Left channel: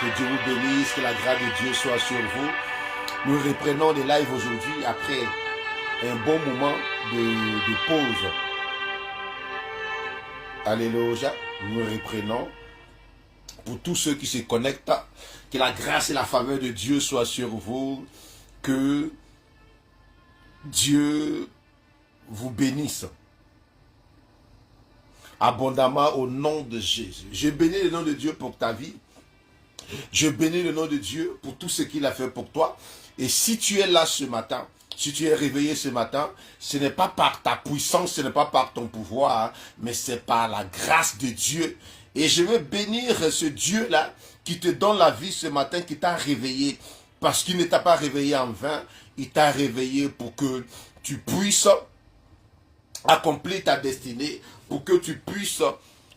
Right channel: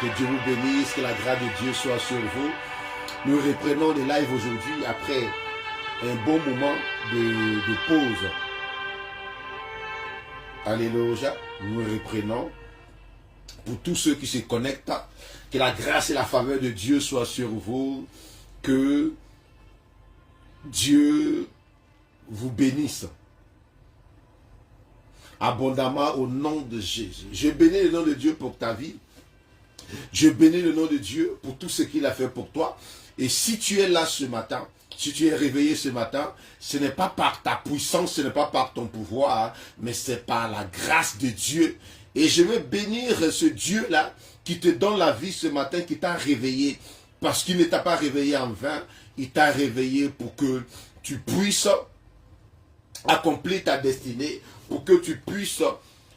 que Dieu vous bénisse, que la grâce de Dieu soit sur vous. Nous reprenons les lives aujourd'hui après un bon moment de pause. Alléluia, nous reprenons. Pour tous ceux qui se connectent, que la grâce et la faveur de Dieu soient sur vous, que Dieu vous bénisse abondamment au nom de Jésus. Je bénis le nom de Dieu pour ta vie. Je bénis le nom de Dieu pour tout ce qu'il a fait pour toi. Et si tu es là ce matin, si tu es réveillé ce matin, ce n'est pas par ta puissance, ce n'est pas par ton pouvoir, mais c'est par la grâce de Dieu. Et je veux bénir ce Dieu-là qui te donne la vie ce matin, qui t'a réveillé. Parce qu'il ne t'a pas réveillé en vain, il t'a réveillé pour que tu puisses accomplir ta destinée, pour que tu puisses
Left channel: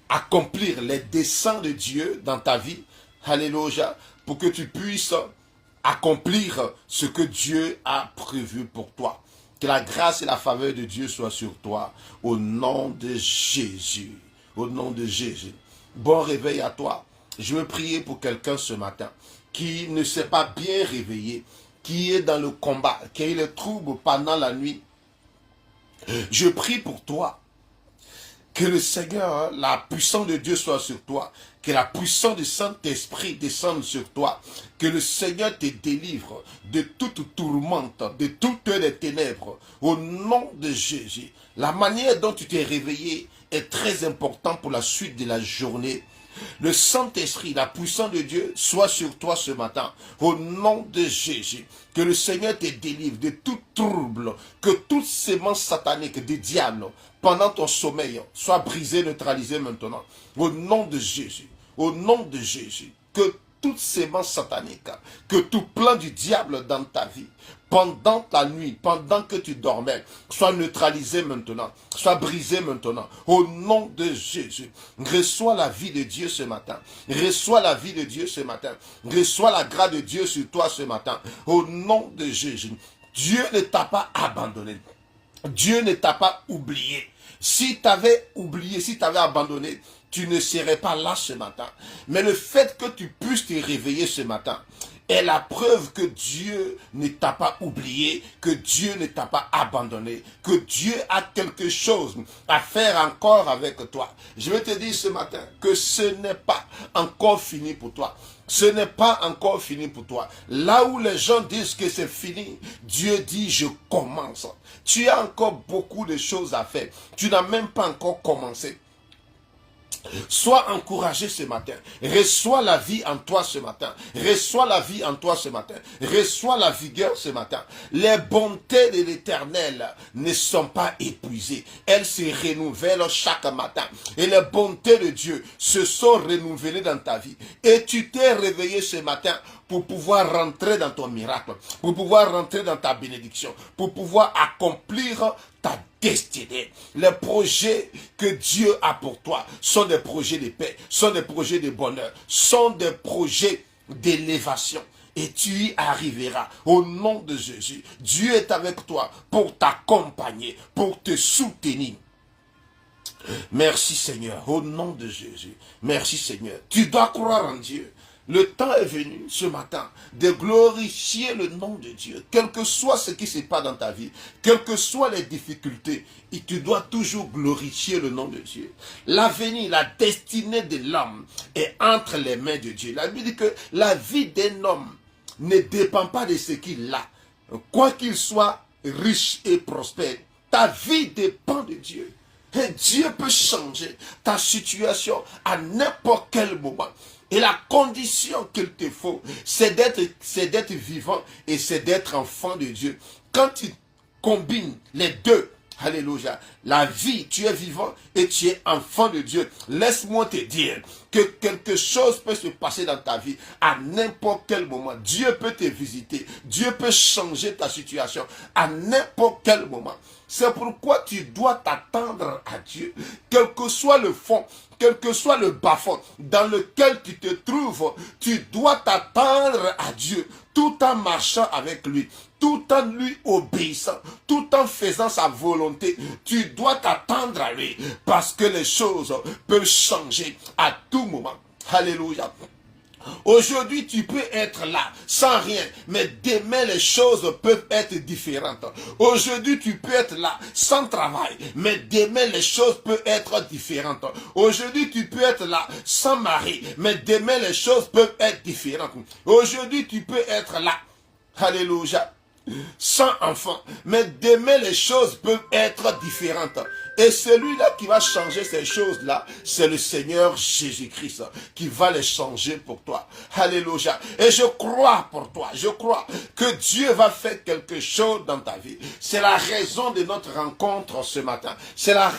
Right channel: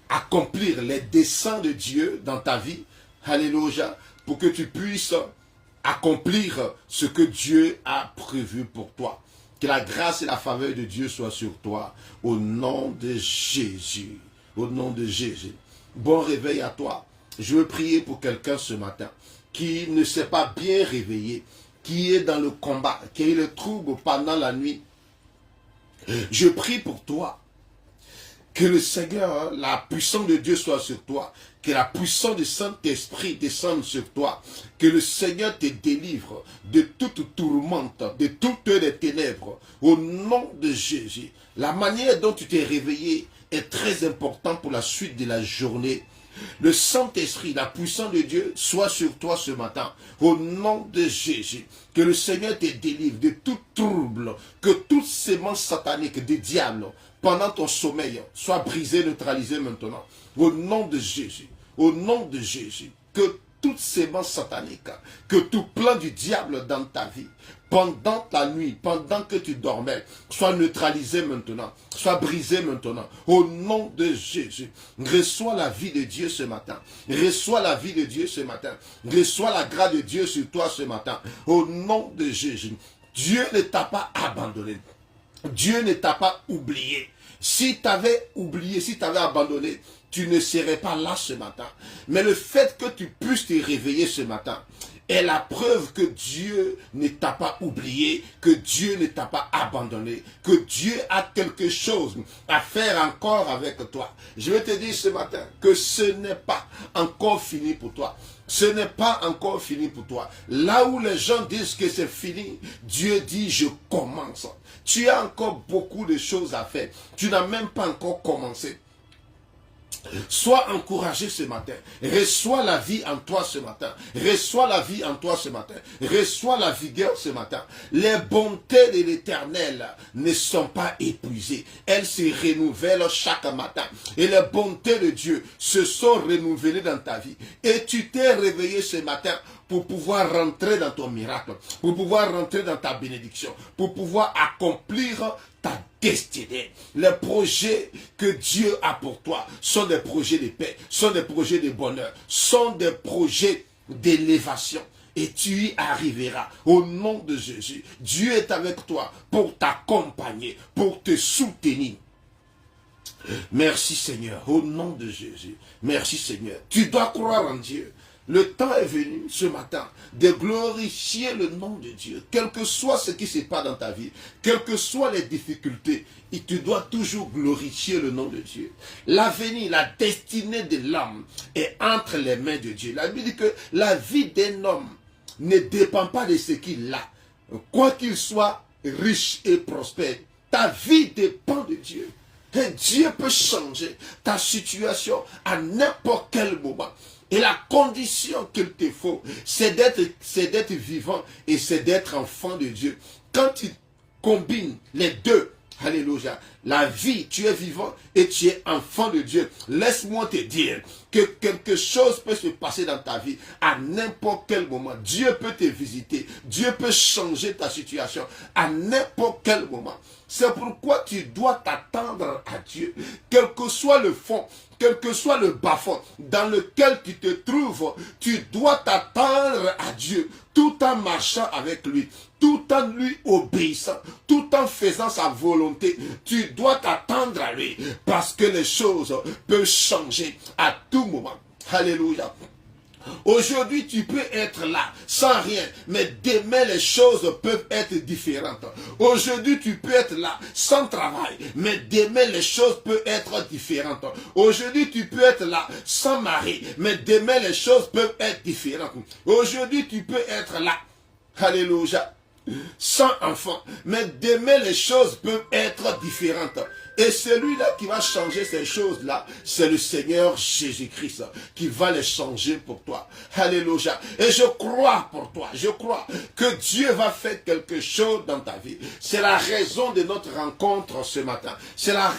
accomplir les desseins de Dieu dans ta vie. Alléluia. Pour que tu puisses accomplir ce que Dieu a prévu pour toi. Que la grâce et la faveur de Dieu soient sur toi. Au nom de Jésus. Au nom de Jésus. Bon réveil à toi. Je veux prier pour quelqu'un ce matin qui ne s'est pas bien réveillé, qui est dans le combat, qui a eu le trouble pendant la nuit. Je prie pour toi. Que le Seigneur, la puissance de Dieu soit sur toi. Que la puissance du Saint-Esprit descende sur toi. Que le Seigneur te délivre de toute tourmente, de toutes les ténèbres. Au nom de Jésus. La manière dont tu t'es réveillé est très importante pour la suite de la journée. Le Saint-Esprit, la puissance de Dieu soit sur toi ce matin. Au nom de Jésus. Que le Seigneur te délivre de tout trouble. Que toute sémence satanique du diable pendant ton sommeil soit brisée, neutralisée maintenant. Au nom de Jésus. Au nom de Jésus. Que toute sémence satanique, que tout plan du diable dans ta vie, pendant ta nuit, pendant que tu dormais, soit neutralisé maintenant, soit brisé maintenant. Au nom de Jésus, reçois la vie de Dieu ce matin. Reçois la vie de Dieu ce matin. Reçois la grâce de Dieu sur toi ce matin. Au nom de Jésus, Dieu ne t'a pas abandonné. Dieu ne t'a pas oublié. Si tu avais oublié, si tu avais abandonné, tu ne serais pas là ce matin. Mais le fait que tu puisses te réveiller ce matin est la preuve que Dieu ne t'a pas oublié, que Dieu ne t'a pas abandonné, que Dieu a quelque chose à faire encore avec toi. Je vais te dire ce matin que ce n'est pas encore fini pour toi. Ce n'est pas encore fini pour toi. Là où les gens disent que c'est fini, Dieu dit je commence. Tu as encore beaucoup de choses à faire. Tu n'as même pas encore commencé. Sois encouragé ce matin. Reçois la vie en toi ce matin. Reçois la vie en toi ce matin. Reçois la vigueur ce matin. Les bontés de l'Éternel ne sont pas épuisées. Elles se renouvellent chaque matin. Et les bontés de Dieu se sont renouvelées dans ta vie. Et tu t'es réveillé ce matin pour pouvoir rentrer dans ton miracle, pour pouvoir rentrer dans ta bénédiction, pour pouvoir accomplir ta destinée. Les projets que Dieu a pour toi sont des projets de paix, sont des projets de bonheur, sont des projets d'élévation. Et tu y arriveras au nom de Jésus. Dieu est avec toi pour t'accompagner, pour te soutenir. Merci Seigneur, au nom de Jésus. Merci Seigneur. Tu dois croire en Dieu. Le temps est venu ce matin de glorifier le nom de Dieu. Quel que soit ce qui se passe dans ta vie, quelles que soient les difficultés, et tu dois toujours glorifier le nom de Dieu. L'avenir, la destinée de l'homme est entre les mains de Dieu. La Bible dit que la vie d'un homme ne dépend pas de ce qu'il a. Quoi qu'il soit riche et prospère, ta vie dépend de Dieu. Et Dieu peut changer ta situation à n'importe quel moment. Et la condition qu'il te faut, c'est d'être vivant et c'est d'être enfant de Dieu. Quand tu combines les deux, alléluia, la vie, tu es vivant et tu es enfant de Dieu. Laisse-moi te dire que quelque chose peut se passer dans ta vie à n'importe quel moment. Dieu peut te visiter. Dieu peut changer ta situation à n'importe quel moment. C'est pourquoi tu dois t'attendre à Dieu. Quel que soit le fond, quel que soit le bas-fond dans lequel tu te trouves, tu dois t'attendre à Dieu tout en marchant avec lui, tout en lui obéissant, tout en faisant sa volonté. Tu dois t'attendre à lui parce que les choses peuvent changer à tout moment. Alléluia. Aujourd'hui, tu peux être là, sans rien, mais demain, les choses peuvent être différentes. Aujourd'hui, tu peux être là, sans travail, mais demain, les choses peuvent être différentes. Aujourd'hui, tu peux être là, sans mari, mais demain, les choses peuvent être différentes. Aujourd'hui, tu peux être là, alléluia, sans enfant, mais demain, les choses peuvent être différentes. Et celui-là qui va changer ces choses-là, c'est le Seigneur Jésus-Christ qui va les changer pour toi. Alléluia. Et je crois pour toi, je crois que Dieu va faire quelque chose dans ta vie. C'est la raison de notre rencontre ce matin. C'est la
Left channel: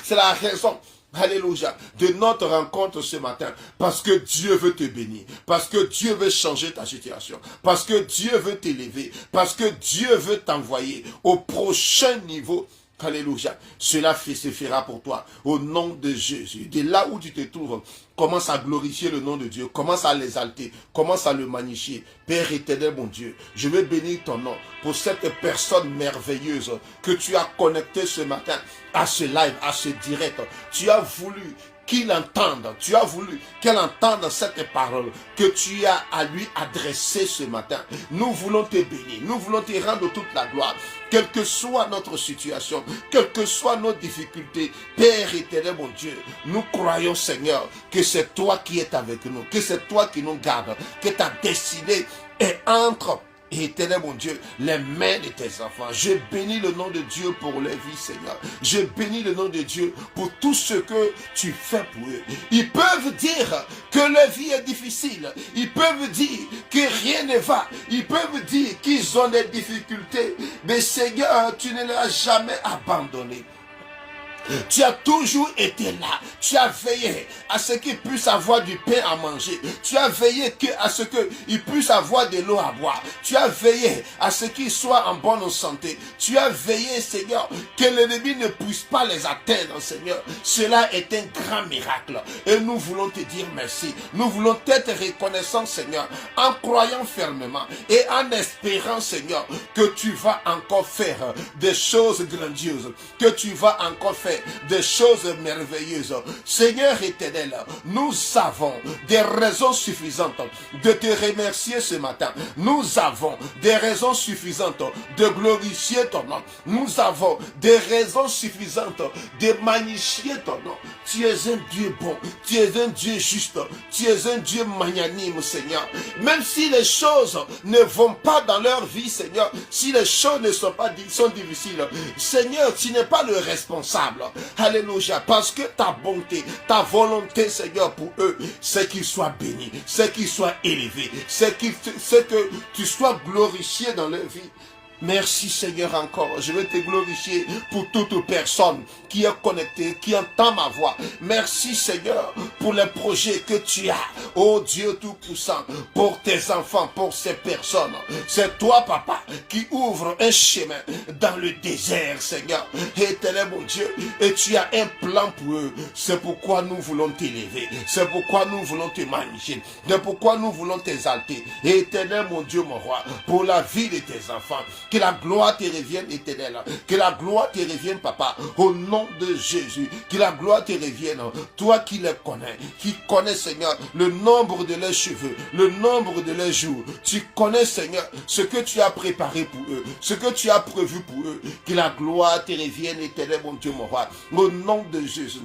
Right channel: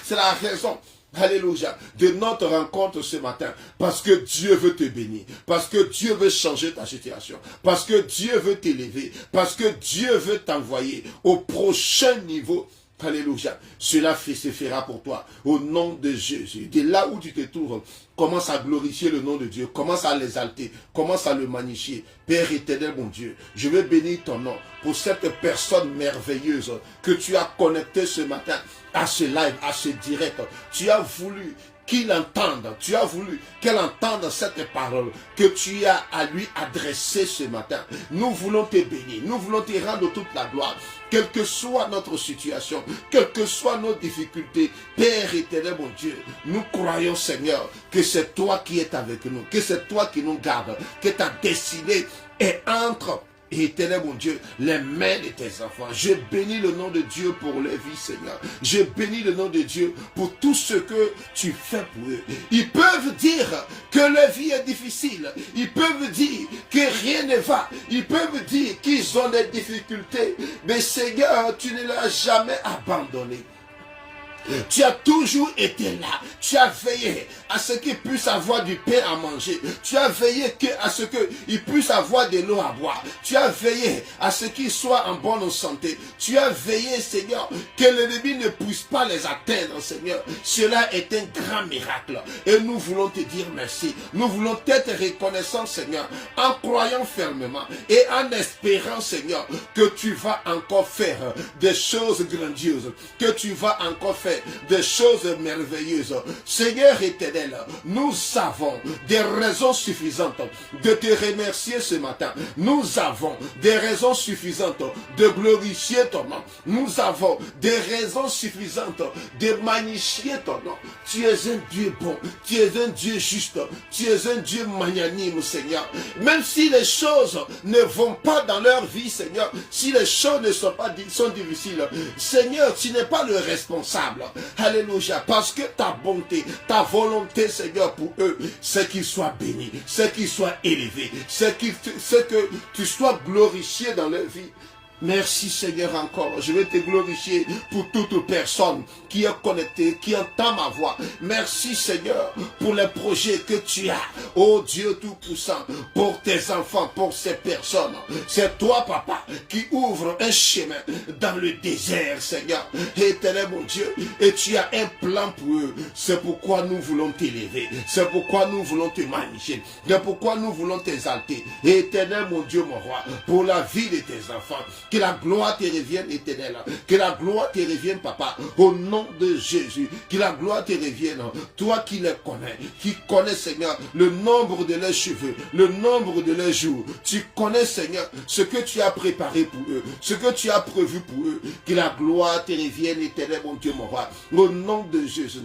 raison. Alléluia, de notre rencontre ce matin, parce que Dieu veut te bénir, parce que Dieu veut changer ta situation, parce que Dieu veut t'élever, parce que Dieu veut t'envoyer au prochain niveau. Alléluia, cela se fera pour toi, au nom de Jésus. De là où tu te trouves, commence à glorifier le nom de Dieu, commence à l'exalter, commence à le magnifier. Père éternel, mon Dieu, je veux bénir ton nom pour cette personne merveilleuse que tu as connectée ce matin à ce live, à ce direct. Tu as voulu qu'il entende, tu as voulu qu'elle entende cette parole que tu as à lui adresser ce matin. Nous voulons te bénir, nous voulons te rendre toute la gloire. Quelle que soit notre situation, quelles que soient nos difficultés, Père éternel, mon Dieu, nous croyons, Seigneur, que c'est toi qui es avec nous, que c'est toi qui nous gardes, que ta destinée est entre, éternel, mon Dieu, les mains de tes enfants. Je bénis le nom de Dieu pour les vies, Seigneur. Je bénis le nom de Dieu pour tout ce que tu fais pour eux. Ils peuvent dire que leur vie est difficile. Ils peuvent dire que rien ne va. Ils peuvent dire qu'ils ont des difficultés. Mais Seigneur, tu ne les as jamais abandonnés. Tu as toujours été là. Tu as veillé à ce qu'ils puissent avoir du pain à manger. Tu as veillé à ce qu'ils puissent avoir de l'eau à boire. Tu as veillé à ce qu'ils soient en bonne santé. Tu as veillé, Seigneur, que l'ennemi ne puisse pas les atteindre, Seigneur. Cela est un grand miracle. Et nous voulons te dire merci. Nous voulons être reconnaissants, Seigneur, en croyant fermement et en espérant, Seigneur, que tu vas encore faire des choses grandioses, que tu vas encore faire des choses merveilleuses. Seigneur éternel, nous avons des raisons suffisantes de te remercier ce matin. Nous avons des raisons suffisantes de glorifier ton nom. Nous avons des raisons suffisantes de magnifier ton nom. Tu es un Dieu bon, tu es un Dieu juste, tu es un Dieu magnanime, Seigneur. Même si les choses ne vont pas dans leur vie, Seigneur, si les choses ne sont pas difficiles, Seigneur, tu n'es pas le responsable. Alléluia, parce que ta bonté, ta volonté, Seigneur, pour eux, c'est qu'ils soient bénis, c'est qu'ils soient élevés, c'est que tu sois glorifié dans leur vie. Merci Seigneur encore. Je vais te glorifier pour toute personne qui est connectée, qui entend ma voix. Merci Seigneur pour les projets que tu as. Oh Dieu Tout-Puissant, pour tes enfants, pour ces personnes. C'est toi Papa qui ouvre un chemin dans le désert Seigneur. Éternel mon Dieu, et tu as un plan pour eux. C'est pourquoi nous voulons t'élever. C'est pourquoi nous voulons te magnifier. C'est pourquoi nous voulons t'exalter. Éternel mon Dieu, mon roi, pour la vie de tes enfants. Que la gloire te revienne, éternel. Que la gloire te revienne, Papa, au nom de Jésus. Que la gloire te revienne. Toi qui les connais, qui connais, Seigneur, le nombre de leurs cheveux, le nombre de leurs jours. Tu connais, Seigneur, ce que tu as préparé pour eux, ce que tu as prévu pour eux. Que la gloire te revienne, éternel, mon Dieu, mon roi, au nom de Jésus.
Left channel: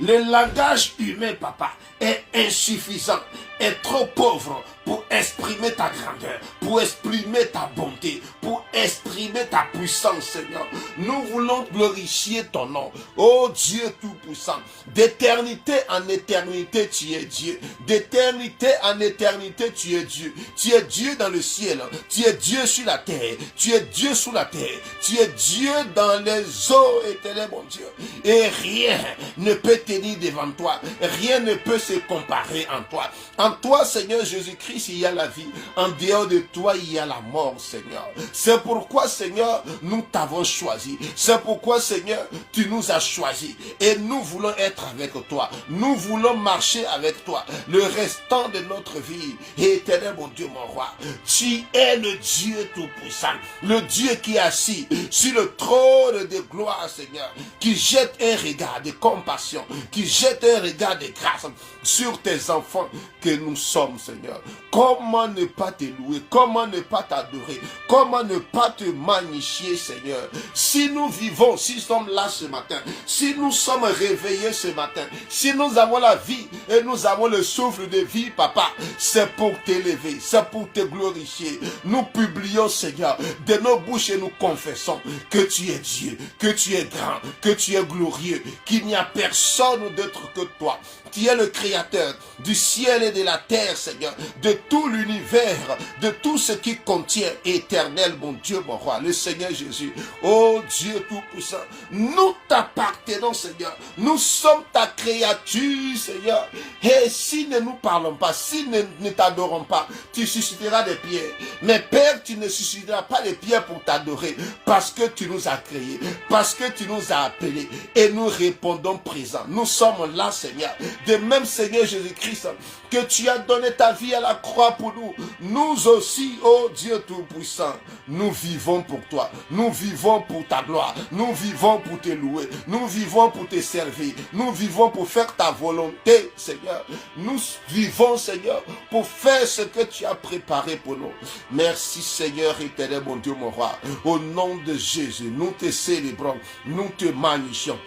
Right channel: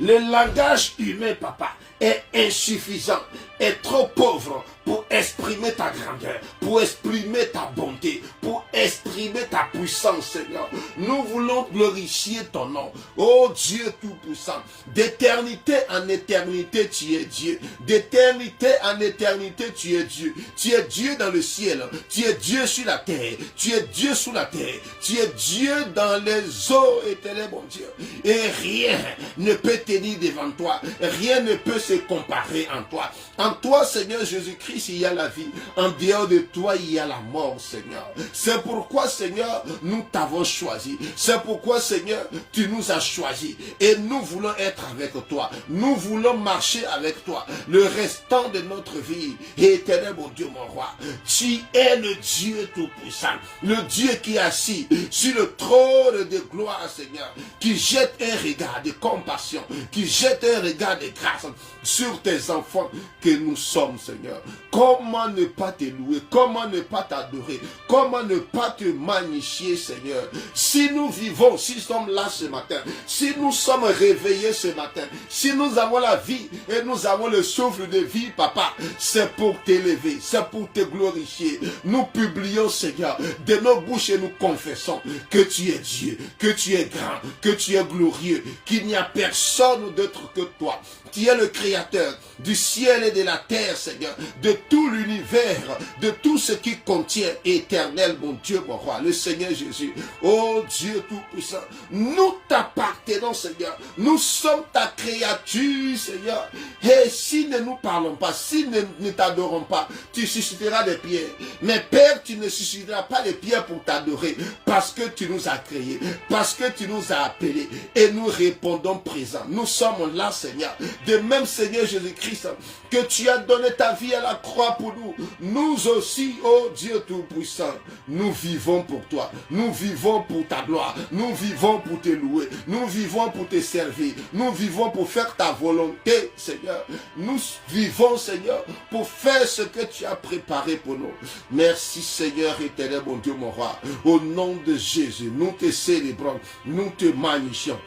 Le langage humain, Papa, est insuffisant, est trop pauvre pour exprimer ta grandeur, pour exprimer ta bonté, pour exprimer ta puissance, Seigneur. Nous voulons glorifier ton nom. Oh Dieu Tout-Puissant, d'éternité en éternité, tu es Dieu. D'éternité en éternité, tu es Dieu. Tu es Dieu dans le ciel. Tu es Dieu sur la terre. Tu es Dieu sous la terre. Tu es Dieu dans les eaux, éternel mon Dieu. Et rien ne peut tenir devant toi. Rien ne peut se comparer en toi. En toi, Seigneur Jésus-Christ, il y a la vie. En dehors de toi, il y a la mort, Seigneur. C'est pourquoi, Seigneur, nous t'avons choisi. C'est pourquoi, Seigneur, tu nous as choisis. Et nous voulons être avec toi. Nous voulons marcher avec toi le restant de notre vie. Et éternel, mon Dieu, mon roi, tu es le Dieu Tout-Puissant, le Dieu qui est assis sur le trône de gloire, Seigneur, qui jette un regard de compassion, qui jette un regard de grâce sur tes enfants que nous sommes, Seigneur. Comment ne pas te louer? Comment ne pas t'adorer? Comment ne pas te magnifier, Seigneur? Si nous vivons, si nous sommes là ce matin, si nous sommes réveillés ce matin, si nous avons la vie et nous avons le souffle de vie, Papa, c'est pour t'élever, c'est pour te glorifier. Nous publions, Seigneur, de nos bouches et nous confessons que tu es Dieu, que tu es grand, que tu es glorieux, qu'il n'y a personne d'autre que toi. Tu es le créateur du ciel et de la terre, Seigneur, de tout l'univers, de tout ce qui contient, éternel, mon Dieu, mon roi, le Seigneur Jésus. Oh Dieu Tout-Puissant, nous t'appartenons, Seigneur. Nous sommes ta créature, Seigneur. Et si ne nous parlons pas, si ne t'adorons pas, tu susciteras des pierres. Mais Père, tu ne susciteras pas les pierres pour t'adorer, parce que tu nous as créés, parce que tu nous as appelés, et nous répondons présent. Nous sommes là, Seigneur. De même, Seigneur Jésus-Christ, que tu as donné ta vie à la croix pour nous. Nous aussi, oh Dieu Tout-Puissant, nous vivons pour toi. Nous vivons pour ta gloire. Nous vivons pour te louer. Nous vivons pour te servir. Nous vivons pour faire ta volonté, Seigneur. Nous vivons, Seigneur, pour faire ce que tu as préparé pour nous. Merci, Seigneur éternel, mon Dieu, mon roi. Au nom de Jésus, nous te célébrons. Nous te magnifions.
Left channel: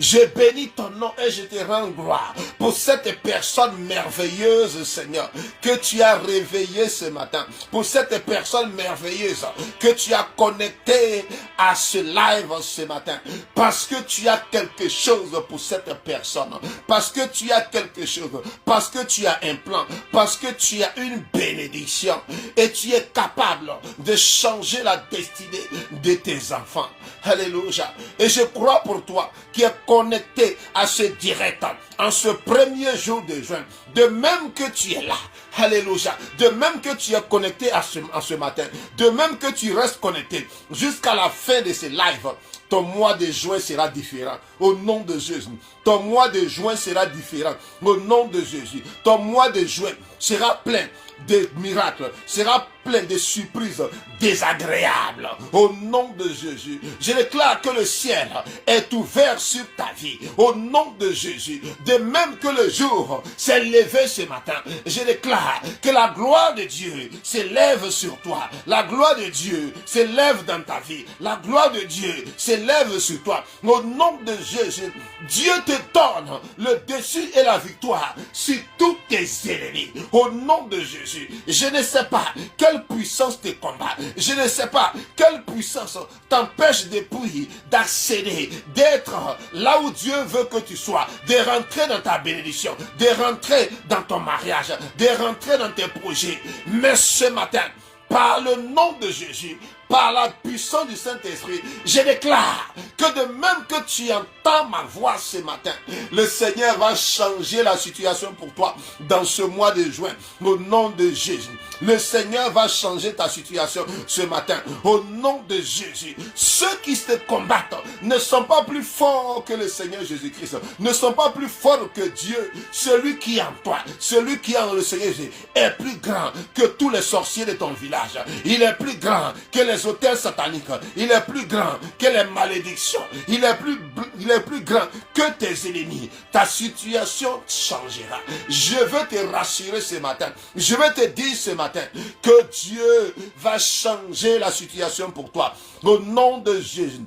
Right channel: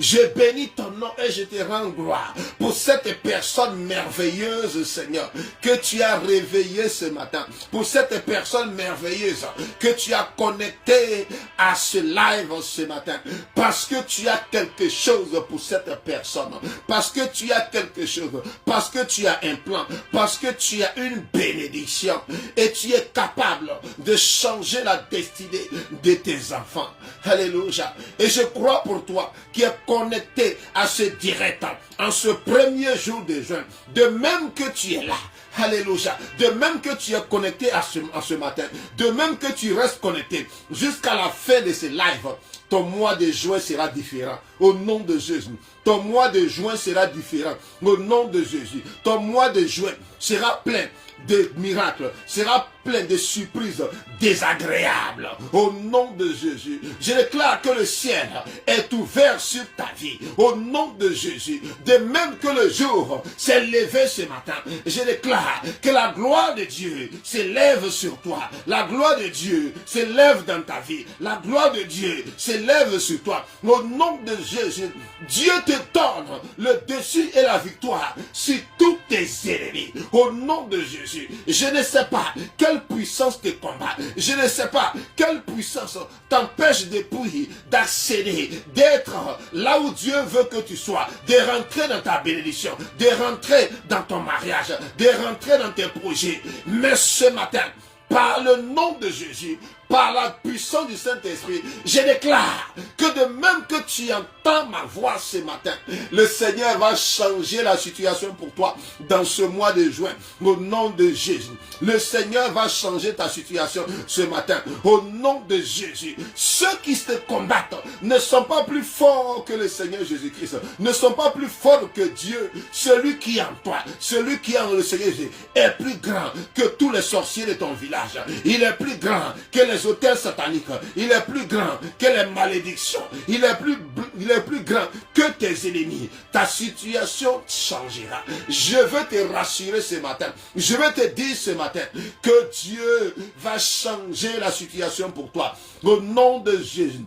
Je bénis ton nom et je te rends gloire pour cette personne merveilleuse, Seigneur, que tu as réveillée ce matin. Pour cette personne merveilleuse que tu as connectée à ce live ce matin. Parce que tu as quelque chose pour cette personne. Parce que tu as quelque chose. Parce que tu as un plan. Parce que tu as une bénédiction. Et tu es capable de changer la destinée de tes enfants. Alléluia. Et je crois pour toi qui est connecté à ce direct en ce premier jour de juin, de même que tu es là. Alléluia. De même que tu es connecté en ce matin, de même que tu restes connecté jusqu'à la fin de ce live, ton mois de juin sera différent. Au nom de Jésus. Ton mois de juin sera différent. Au nom de Jésus. Ton mois de juin sera plein de miracles, sera plein de surprises désagréables. Au nom de Jésus, je déclare que le ciel est ouvert sur ta vie. Au nom de Jésus, de même que le jour s'est levé ce matin, je déclare que la gloire de Dieu s'élève sur toi. La gloire de Dieu s'élève dans ta vie. La gloire de Dieu s'élève sur toi. Au nom de Jésus, Dieu te donne le dessus et la victoire sur tous tes ennemis. Au nom de Jésus, je ne sais pas quelle puissance te combat. Je ne sais pas quelle puissance t'empêche de prier, d'accéder, d'être là où Dieu veut que tu sois, de rentrer dans ta bénédiction, de rentrer dans ton mariage, de rentrer dans tes projets. Mais ce matin, par le nom de Jésus, par la puissance du Saint-Esprit, je déclare que de même que tu entends ma voix ce matin, le Seigneur va changer la situation pour toi dans ce mois de juin. Au nom de Jésus, le Seigneur va changer ta situation ce matin. Au nom de Jésus, ceux qui te combattent ne sont pas plus forts que le Seigneur Jésus-Christ, ne sont pas plus forts que Dieu. Celui qui est en toi, celui qui est en le Seigneur Jésus, est plus grand que tous les sorciers de ton village. Il est plus grand que les hôtels sataniques. Il est plus grand que les malédictions. Il est plus grand que tes ennemis. Ta situation changera. Je veux te rassurer ce matin. Je veux te dire ce matin que Dieu va changer la situation pour toi. Au nom de Jésus.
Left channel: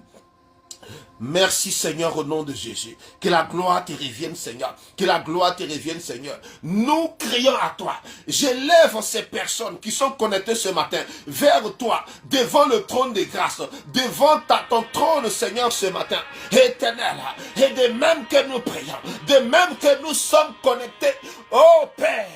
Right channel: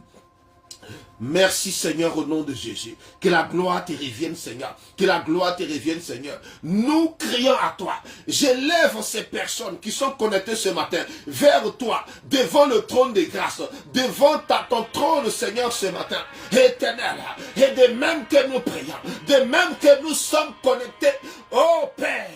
Merci Seigneur au nom de Jésus. Que la gloire te revienne Seigneur. Que la gloire te revienne Seigneur. Nous crions à toi. J'élève ces personnes qui sont connectées ce matin vers toi, devant le trône de grâce, devant ton trône Seigneur ce matin. Éternel, et de même que nous prions, de même que nous sommes connectés, oh Père,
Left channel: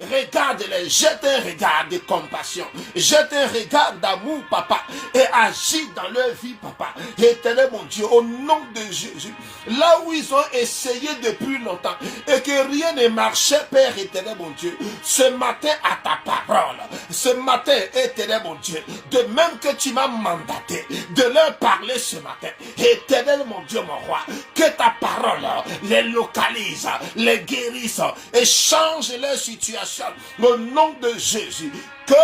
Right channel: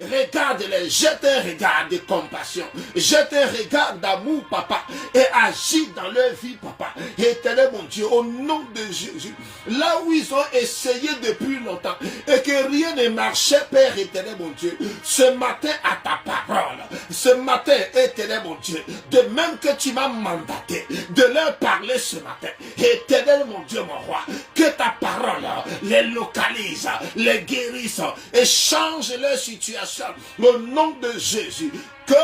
regarde-les, jette un regard de compassion, jette un regard d'amour, papa, et agis dans leur vie, papa. Éternel mon Dieu, au nom de Jésus, là où ils ont essayé depuis longtemps et que rien ne marchait, Père éternel mon Dieu, ce matin à ta parole, ce matin, éternel mon Dieu, de même que tu m'as mandaté de leur parler ce matin, éternel mon Dieu, mon roi, que ta parole les localise, les guérisse et change leur situation au nom de Jésus. Que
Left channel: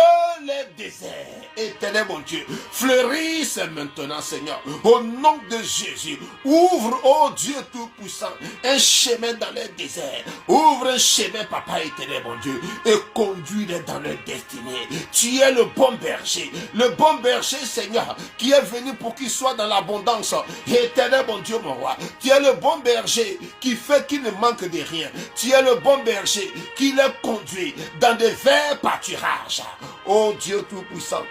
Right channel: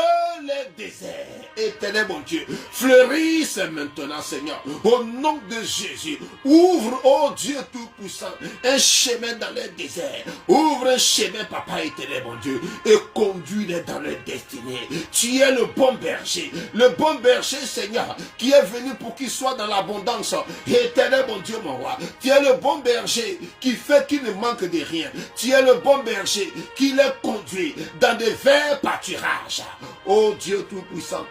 les déserts, éternel mon Dieu, fleurissent maintenant, Seigneur, au nom de Jésus. Ouvre, oh Dieu Tout-Puissant, un chemin dans les déserts. Ouvre un chemin, Papa éternel mon Dieu, et conduis-les dans leur destinée. Tu es le bon berger, Seigneur, qui est venu pour qu'il soit dans l'abondance. Éternel mon Dieu, mon roi, tu es le bon berger qui fait qu'il ne manque de rien. Tu es le bon berger qui les conduit dans des verts pâturages. Oh Dieu Tout-Puissant,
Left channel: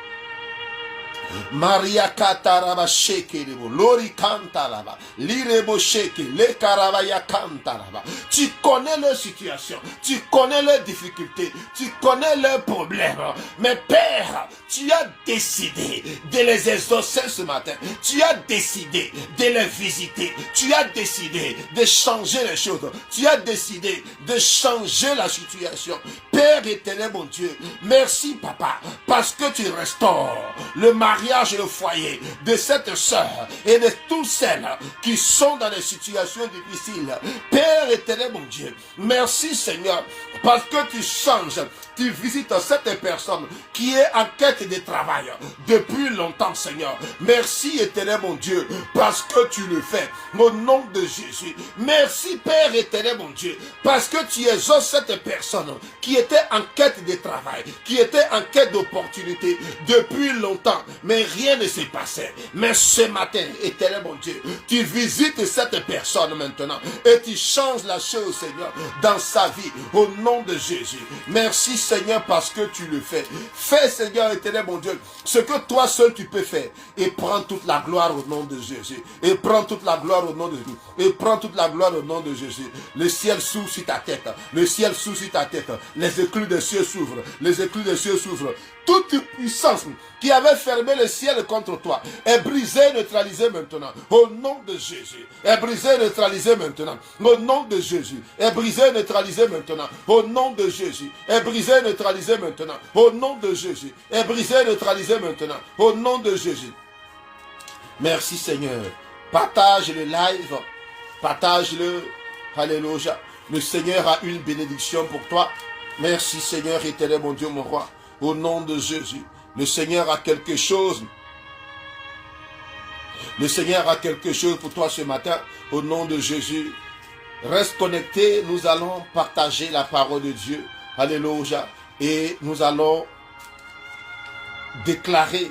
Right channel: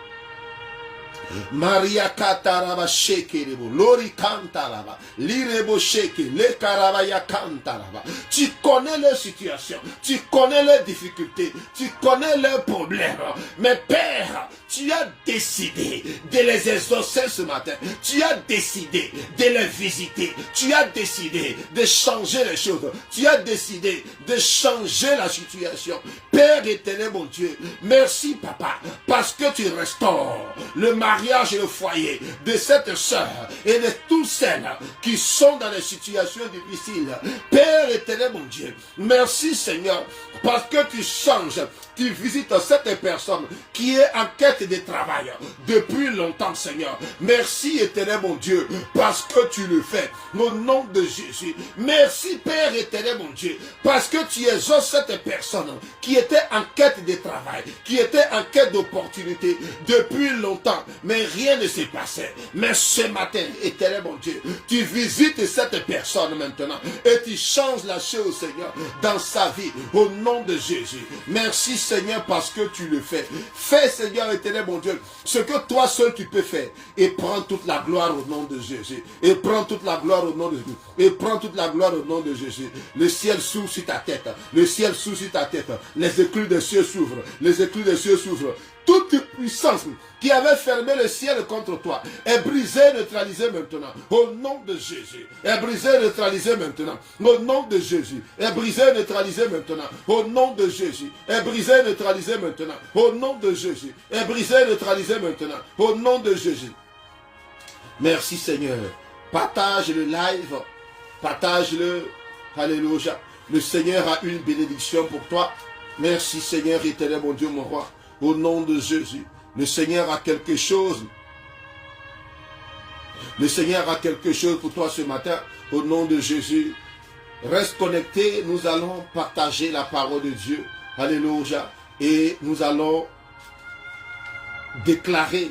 Maria Kataraba Shekerebo, Lori Kantaraba, Lirebo Sheke, Le Karabaya Kantaraba. Tu connais leur situation, tu connais leurs difficultés, tu connais leurs problèmes. Mais Père, tu as décidé de les exaucer ce matin. Tu as décidé de les visiter. Tu as décidé de changer les choses. Tu as décidé de changer la situation. Père éternel, mon Dieu, merci Papa, parce que tu restaures le mariage et le foyer de cette sœur et de tous celles qui sont dans des situations difficiles. Père éternel, mon Dieu, merci Seigneur, parce que tu changes, tu visites cette personne qui est en quête de travail depuis longtemps, Seigneur. Merci éternel, mon Dieu, parce que tu le fais au nom de Jésus. Merci Père éternel, mon Dieu, parce que tu exauces cette personne qui était en quête de travail, qui était en quête d'opportunité depuis longtemps, mais rien ne s'est passé. Mais ce matin, éternel mon Dieu, tu visites cette personne maintenant et tu changes la chose, Seigneur, dans sa vie au nom de Jésus. Merci Seigneur parce que tu le fais. Fais Seigneur éternel mon Dieu ce que toi seul tu peux faire et prends toute la gloire au nom de Jésus. Et prends toute la gloire au nom de Jésus. Et prends toute la gloire au nom de Jésus. Le ciel s'ouvre sur ta tête. Le ciel s'ouvre sur ta tête. Les éclus des cieux s'ouvrent. Les éclus des cieux s'ouvrent. Toute puissance qui avait fermé le ciel contre toi est brisée, neutralisée maintenant. Au nom de Jésus. Est brisée, neutralisée maintenant. Au nom de Jésus. Est brisée, neutralisée maintenant. Au nom de Jésus. Est brisée, neutralisée maintenant. Au nom de Jésus. Est brisée, neutralisée maintenant. Au nom de Jésus. Merci Seigneur. Partage le live. Partage-le. Alléluia. Le Seigneur a une bénédiction pour toi. Merci Seigneur éternel mon Dieu mon roi. Au nom de Jésus. Le Seigneur a quelque chose. Le Seigneur a quelque chose pour toi ce matin. Au nom de Jésus. Reste connecté. Nous allons partager la parole de Dieu. Alléluia. Et nous allons déclarer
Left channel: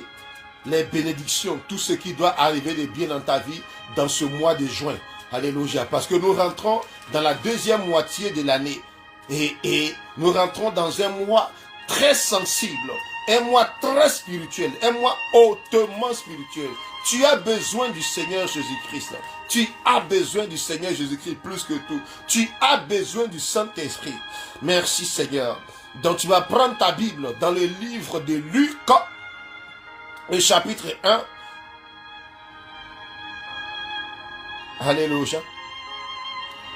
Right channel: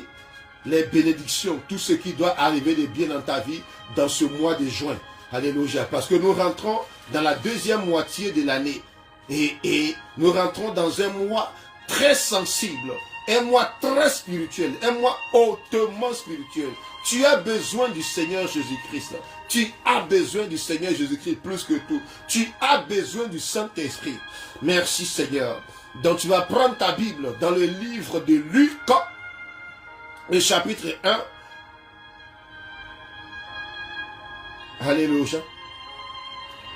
les bénédictions. Tout ce qui doit arriver de bien dans ta vie dans ce mois de juin. Alléluia. Parce que nous rentrons dans la deuxième moitié de l'année. Et nous rentrons dans un mois très sensible, un mois très spirituel, un mois hautement spirituel. Tu as besoin du Seigneur Jésus-Christ. Tu as besoin du Seigneur Jésus-Christ plus que tout. Tu as besoin du Saint-Esprit. Merci Seigneur. Donc tu vas prendre ta Bible dans le livre de Luc, le chapitre 1. Alléluia.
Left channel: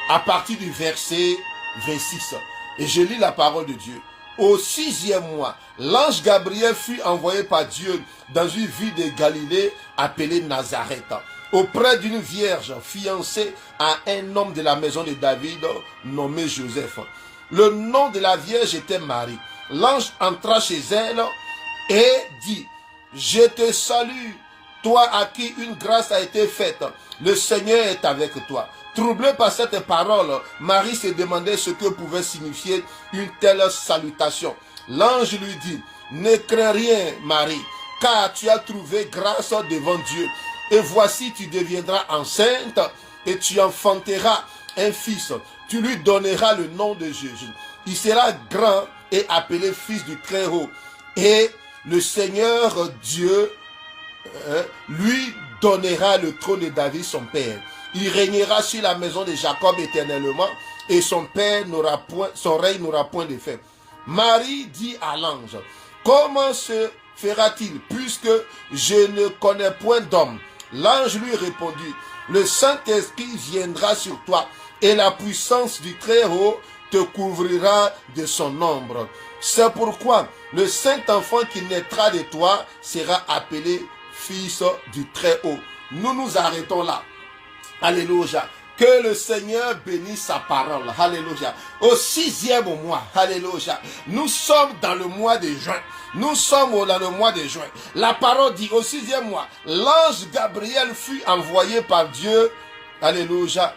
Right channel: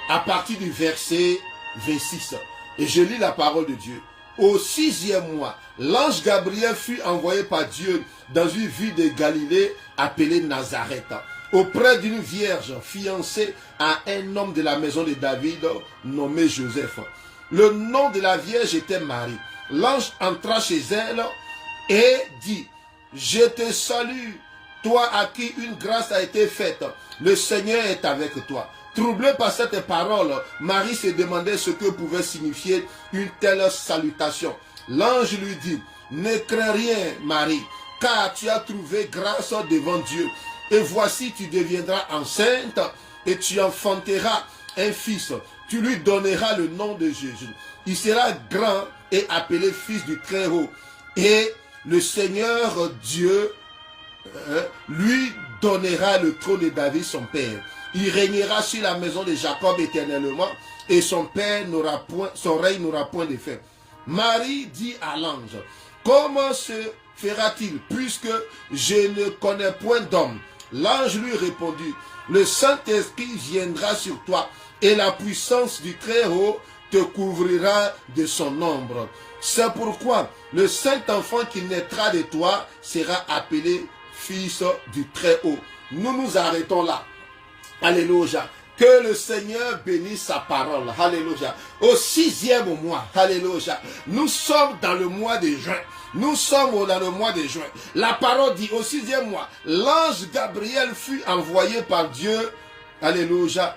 À partir du verset 26. Et je lis la parole de Dieu. Au 6e mois, l'ange Gabriel fut envoyé par Dieu dans une ville de Galilée appelée Nazareth, auprès d'une vierge fiancée à un homme de la maison de David nommé Joseph. Le nom de la vierge était Marie. L'ange entra chez elle et dit, « Je te salue, toi à qui une grâce a été faite. Le Seigneur est avec toi. » Troublée par cette parole, Marie se demandait ce que pouvait signifier une telle salutation. L'ange lui dit, « Ne crains rien, Marie, car tu as trouvé grâce devant Dieu. Et voici, tu deviendras enceinte et tu enfanteras un fils. Tu lui donneras le nom de Jésus. Il sera grand et appelé fils du Très-Haut. Et le Seigneur Dieu lui donnera le trône de David, son père. Il régnera sur la maison de Jacob éternellement, et son règne n'aura point de fin. Marie dit à l'ange, comment se fera-t-il puisque je ne connais point d'homme? L'ange lui répondit, le Saint-Esprit viendra sur toi et la puissance du Très-Haut te couvrira de son ombre. C'est pourquoi le Saint-Enfant qui naîtra de toi sera appelé Fils du Très-Haut. Nous nous arrêtons là. Alléluia. Que le Seigneur bénisse sa parole. Alléluia. Au 6e mois. Alléluia. Nous sommes dans le mois de juin. Nous sommes dans le mois de juin. La parole dit au 6e mois, l'ange Gabriel fut envoyé par Dieu. Alléluia.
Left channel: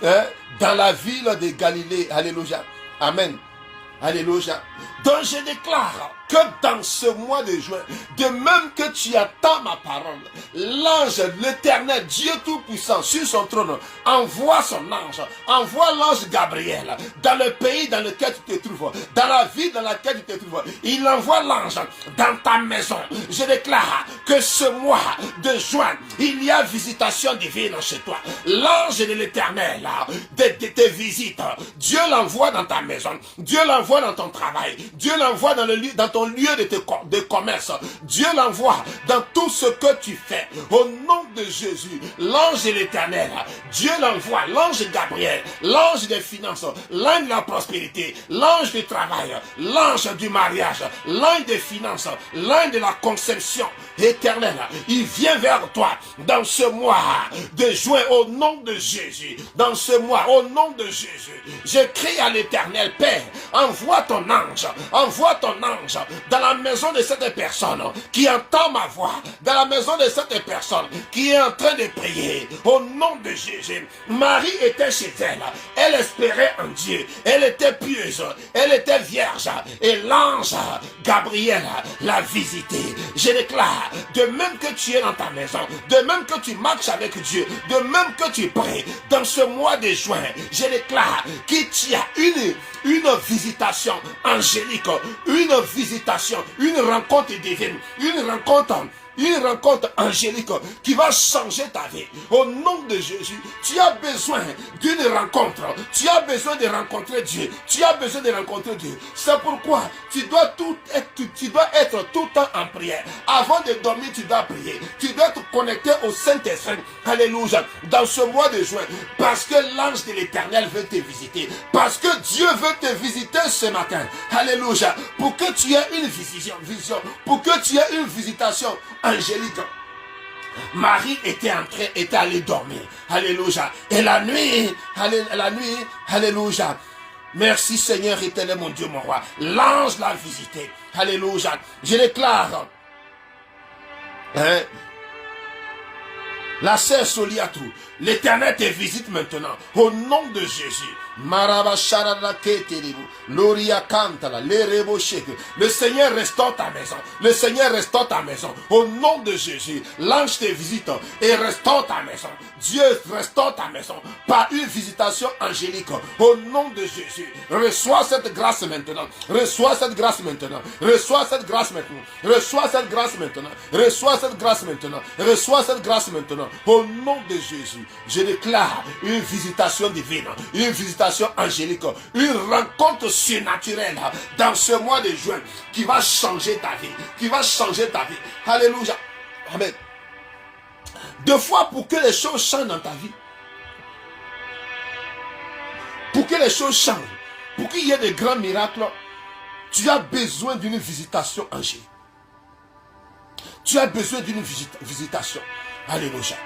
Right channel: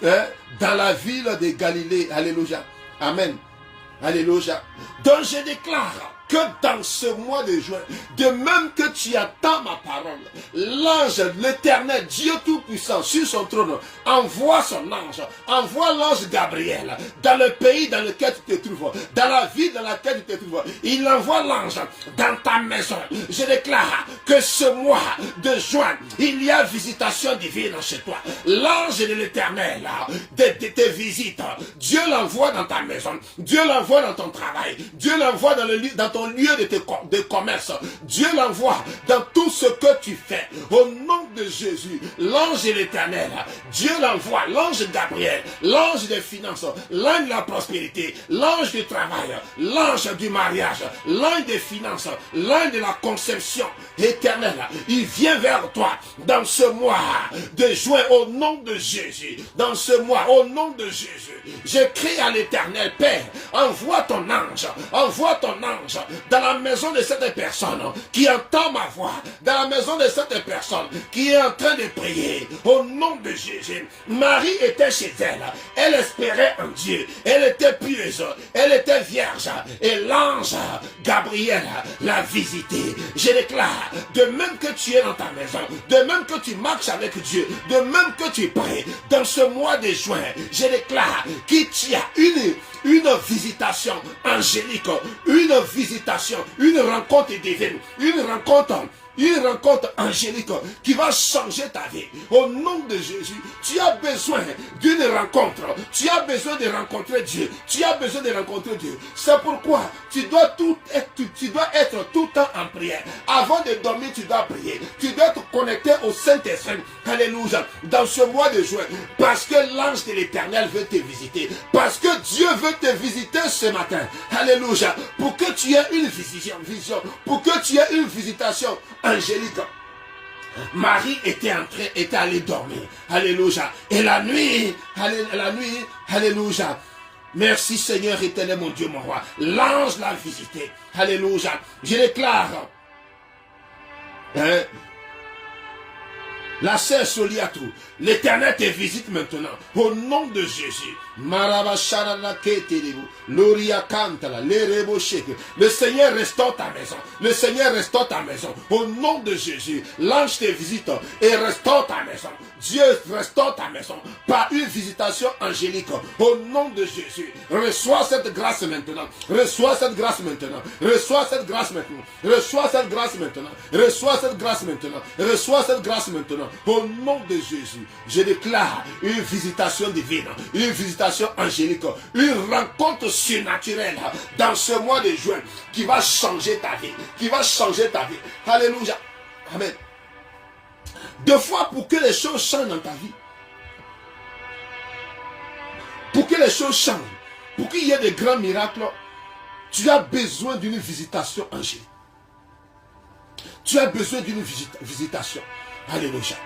Dans la ville de Galilée. Alléluia. Amen. Alléluia. Donc je déclare que dans ce mois de juin, de même que tu attends ma parole, l'ange, l'Éternel, Dieu Tout-Puissant, sur son trône, envoie son ange, envoie l'ange Gabriel dans le pays dans lequel tu te trouves, dans la ville dans laquelle tu te trouves. Il envoie l'ange dans ta maison. Je déclare que ce mois de juin, il y a visitation divine chez toi. L'ange de l'Éternel te visite. Dieu l'envoie dans ta maison. Dieu l'envoie dans ton travail. Dieu l'envoie dans ton lieu de commerce. Dieu l'envoie dans tout ce que tu fais. Au nom de Jésus, l'ange de l'Éternel, Dieu l'envoie, l'ange Gabriel, l'ange des finances, l'ange de la prospérité, l'ange du travail, l'ange du mariage, l'ange des finances, l'ange de la conception éternelle. Il vient vers toi dans ce mois de juin au nom de Jésus. Dans ce mois, au nom de Jésus, je crie à l'Éternel, Père, envoie ton ange dans la maison de cette personne qui entend ma voix, dans la maison de cette personne qui est en train de prier. Au nom de Jésus, Marie était chez elle, elle espérait en Dieu, elle était pieuse, elle était vierge, et l'ange Gabriel l'a visitée. Je déclare, de même que tu es dans ta maison, de même que tu marches avec Dieu, de même que tu pries, dans ce mois de juin, je déclare qu'il y a une visitation angélique, une visitation, une rencontre divine, une rencontre angélique qui va changer ta vie. Au nom de Jésus, tu as besoin d'une rencontre. Tu as besoin de rencontrer Dieu. Tu as besoin de rencontrer Dieu. C'est pourquoi tu dois être tout le temps en prière. Avant de dormir, tu dois prier. Tu dois te connecter au Saint-Esprit. Alléluia. Dans ce mois de juin, parce que l'ange de l'Éternel veut te visiter. Parce que Dieu veut te visiter ce matin. Alléluia. Pour que tu aies une vision. Pour que tu aies une visitation angélique. Marie était allée dormir. Alléluia. Et la nuit, alléluia. Merci Seigneur éternel mon Dieu mon roi. L'ange l'a visité. Alléluia. Je déclare. La sœur Soliatou, l'Éternel te visite maintenant. Au nom de Jésus. Le Seigneur restaure ta maison. Le Seigneur restaure ta maison. Au nom de Jésus, l'ange te visite et restaure ta maison. Dieu restaure ta maison par une visitation angélique. Au nom de Jésus, reçois cette grâce maintenant. Reçois cette grâce maintenant. Reçois cette grâce maintenant. Reçois cette grâce maintenant. Reçois cette grâce maintenant. Reçois cette grâce maintenant. Au nom de Jésus, je déclare une visitation divine, une visitation angélique, une rencontre surnaturelle dans ce mois de juin qui va changer ta vie, qui va changer ta vie. Alléluia. Amen. Deux fois pour que les choses changent dans ta vie, pour que les choses changent, pour qu'il y ait des grands miracles, tu as besoin d'une visitation angélique. Tu as besoin d'une visitation. Alléluia.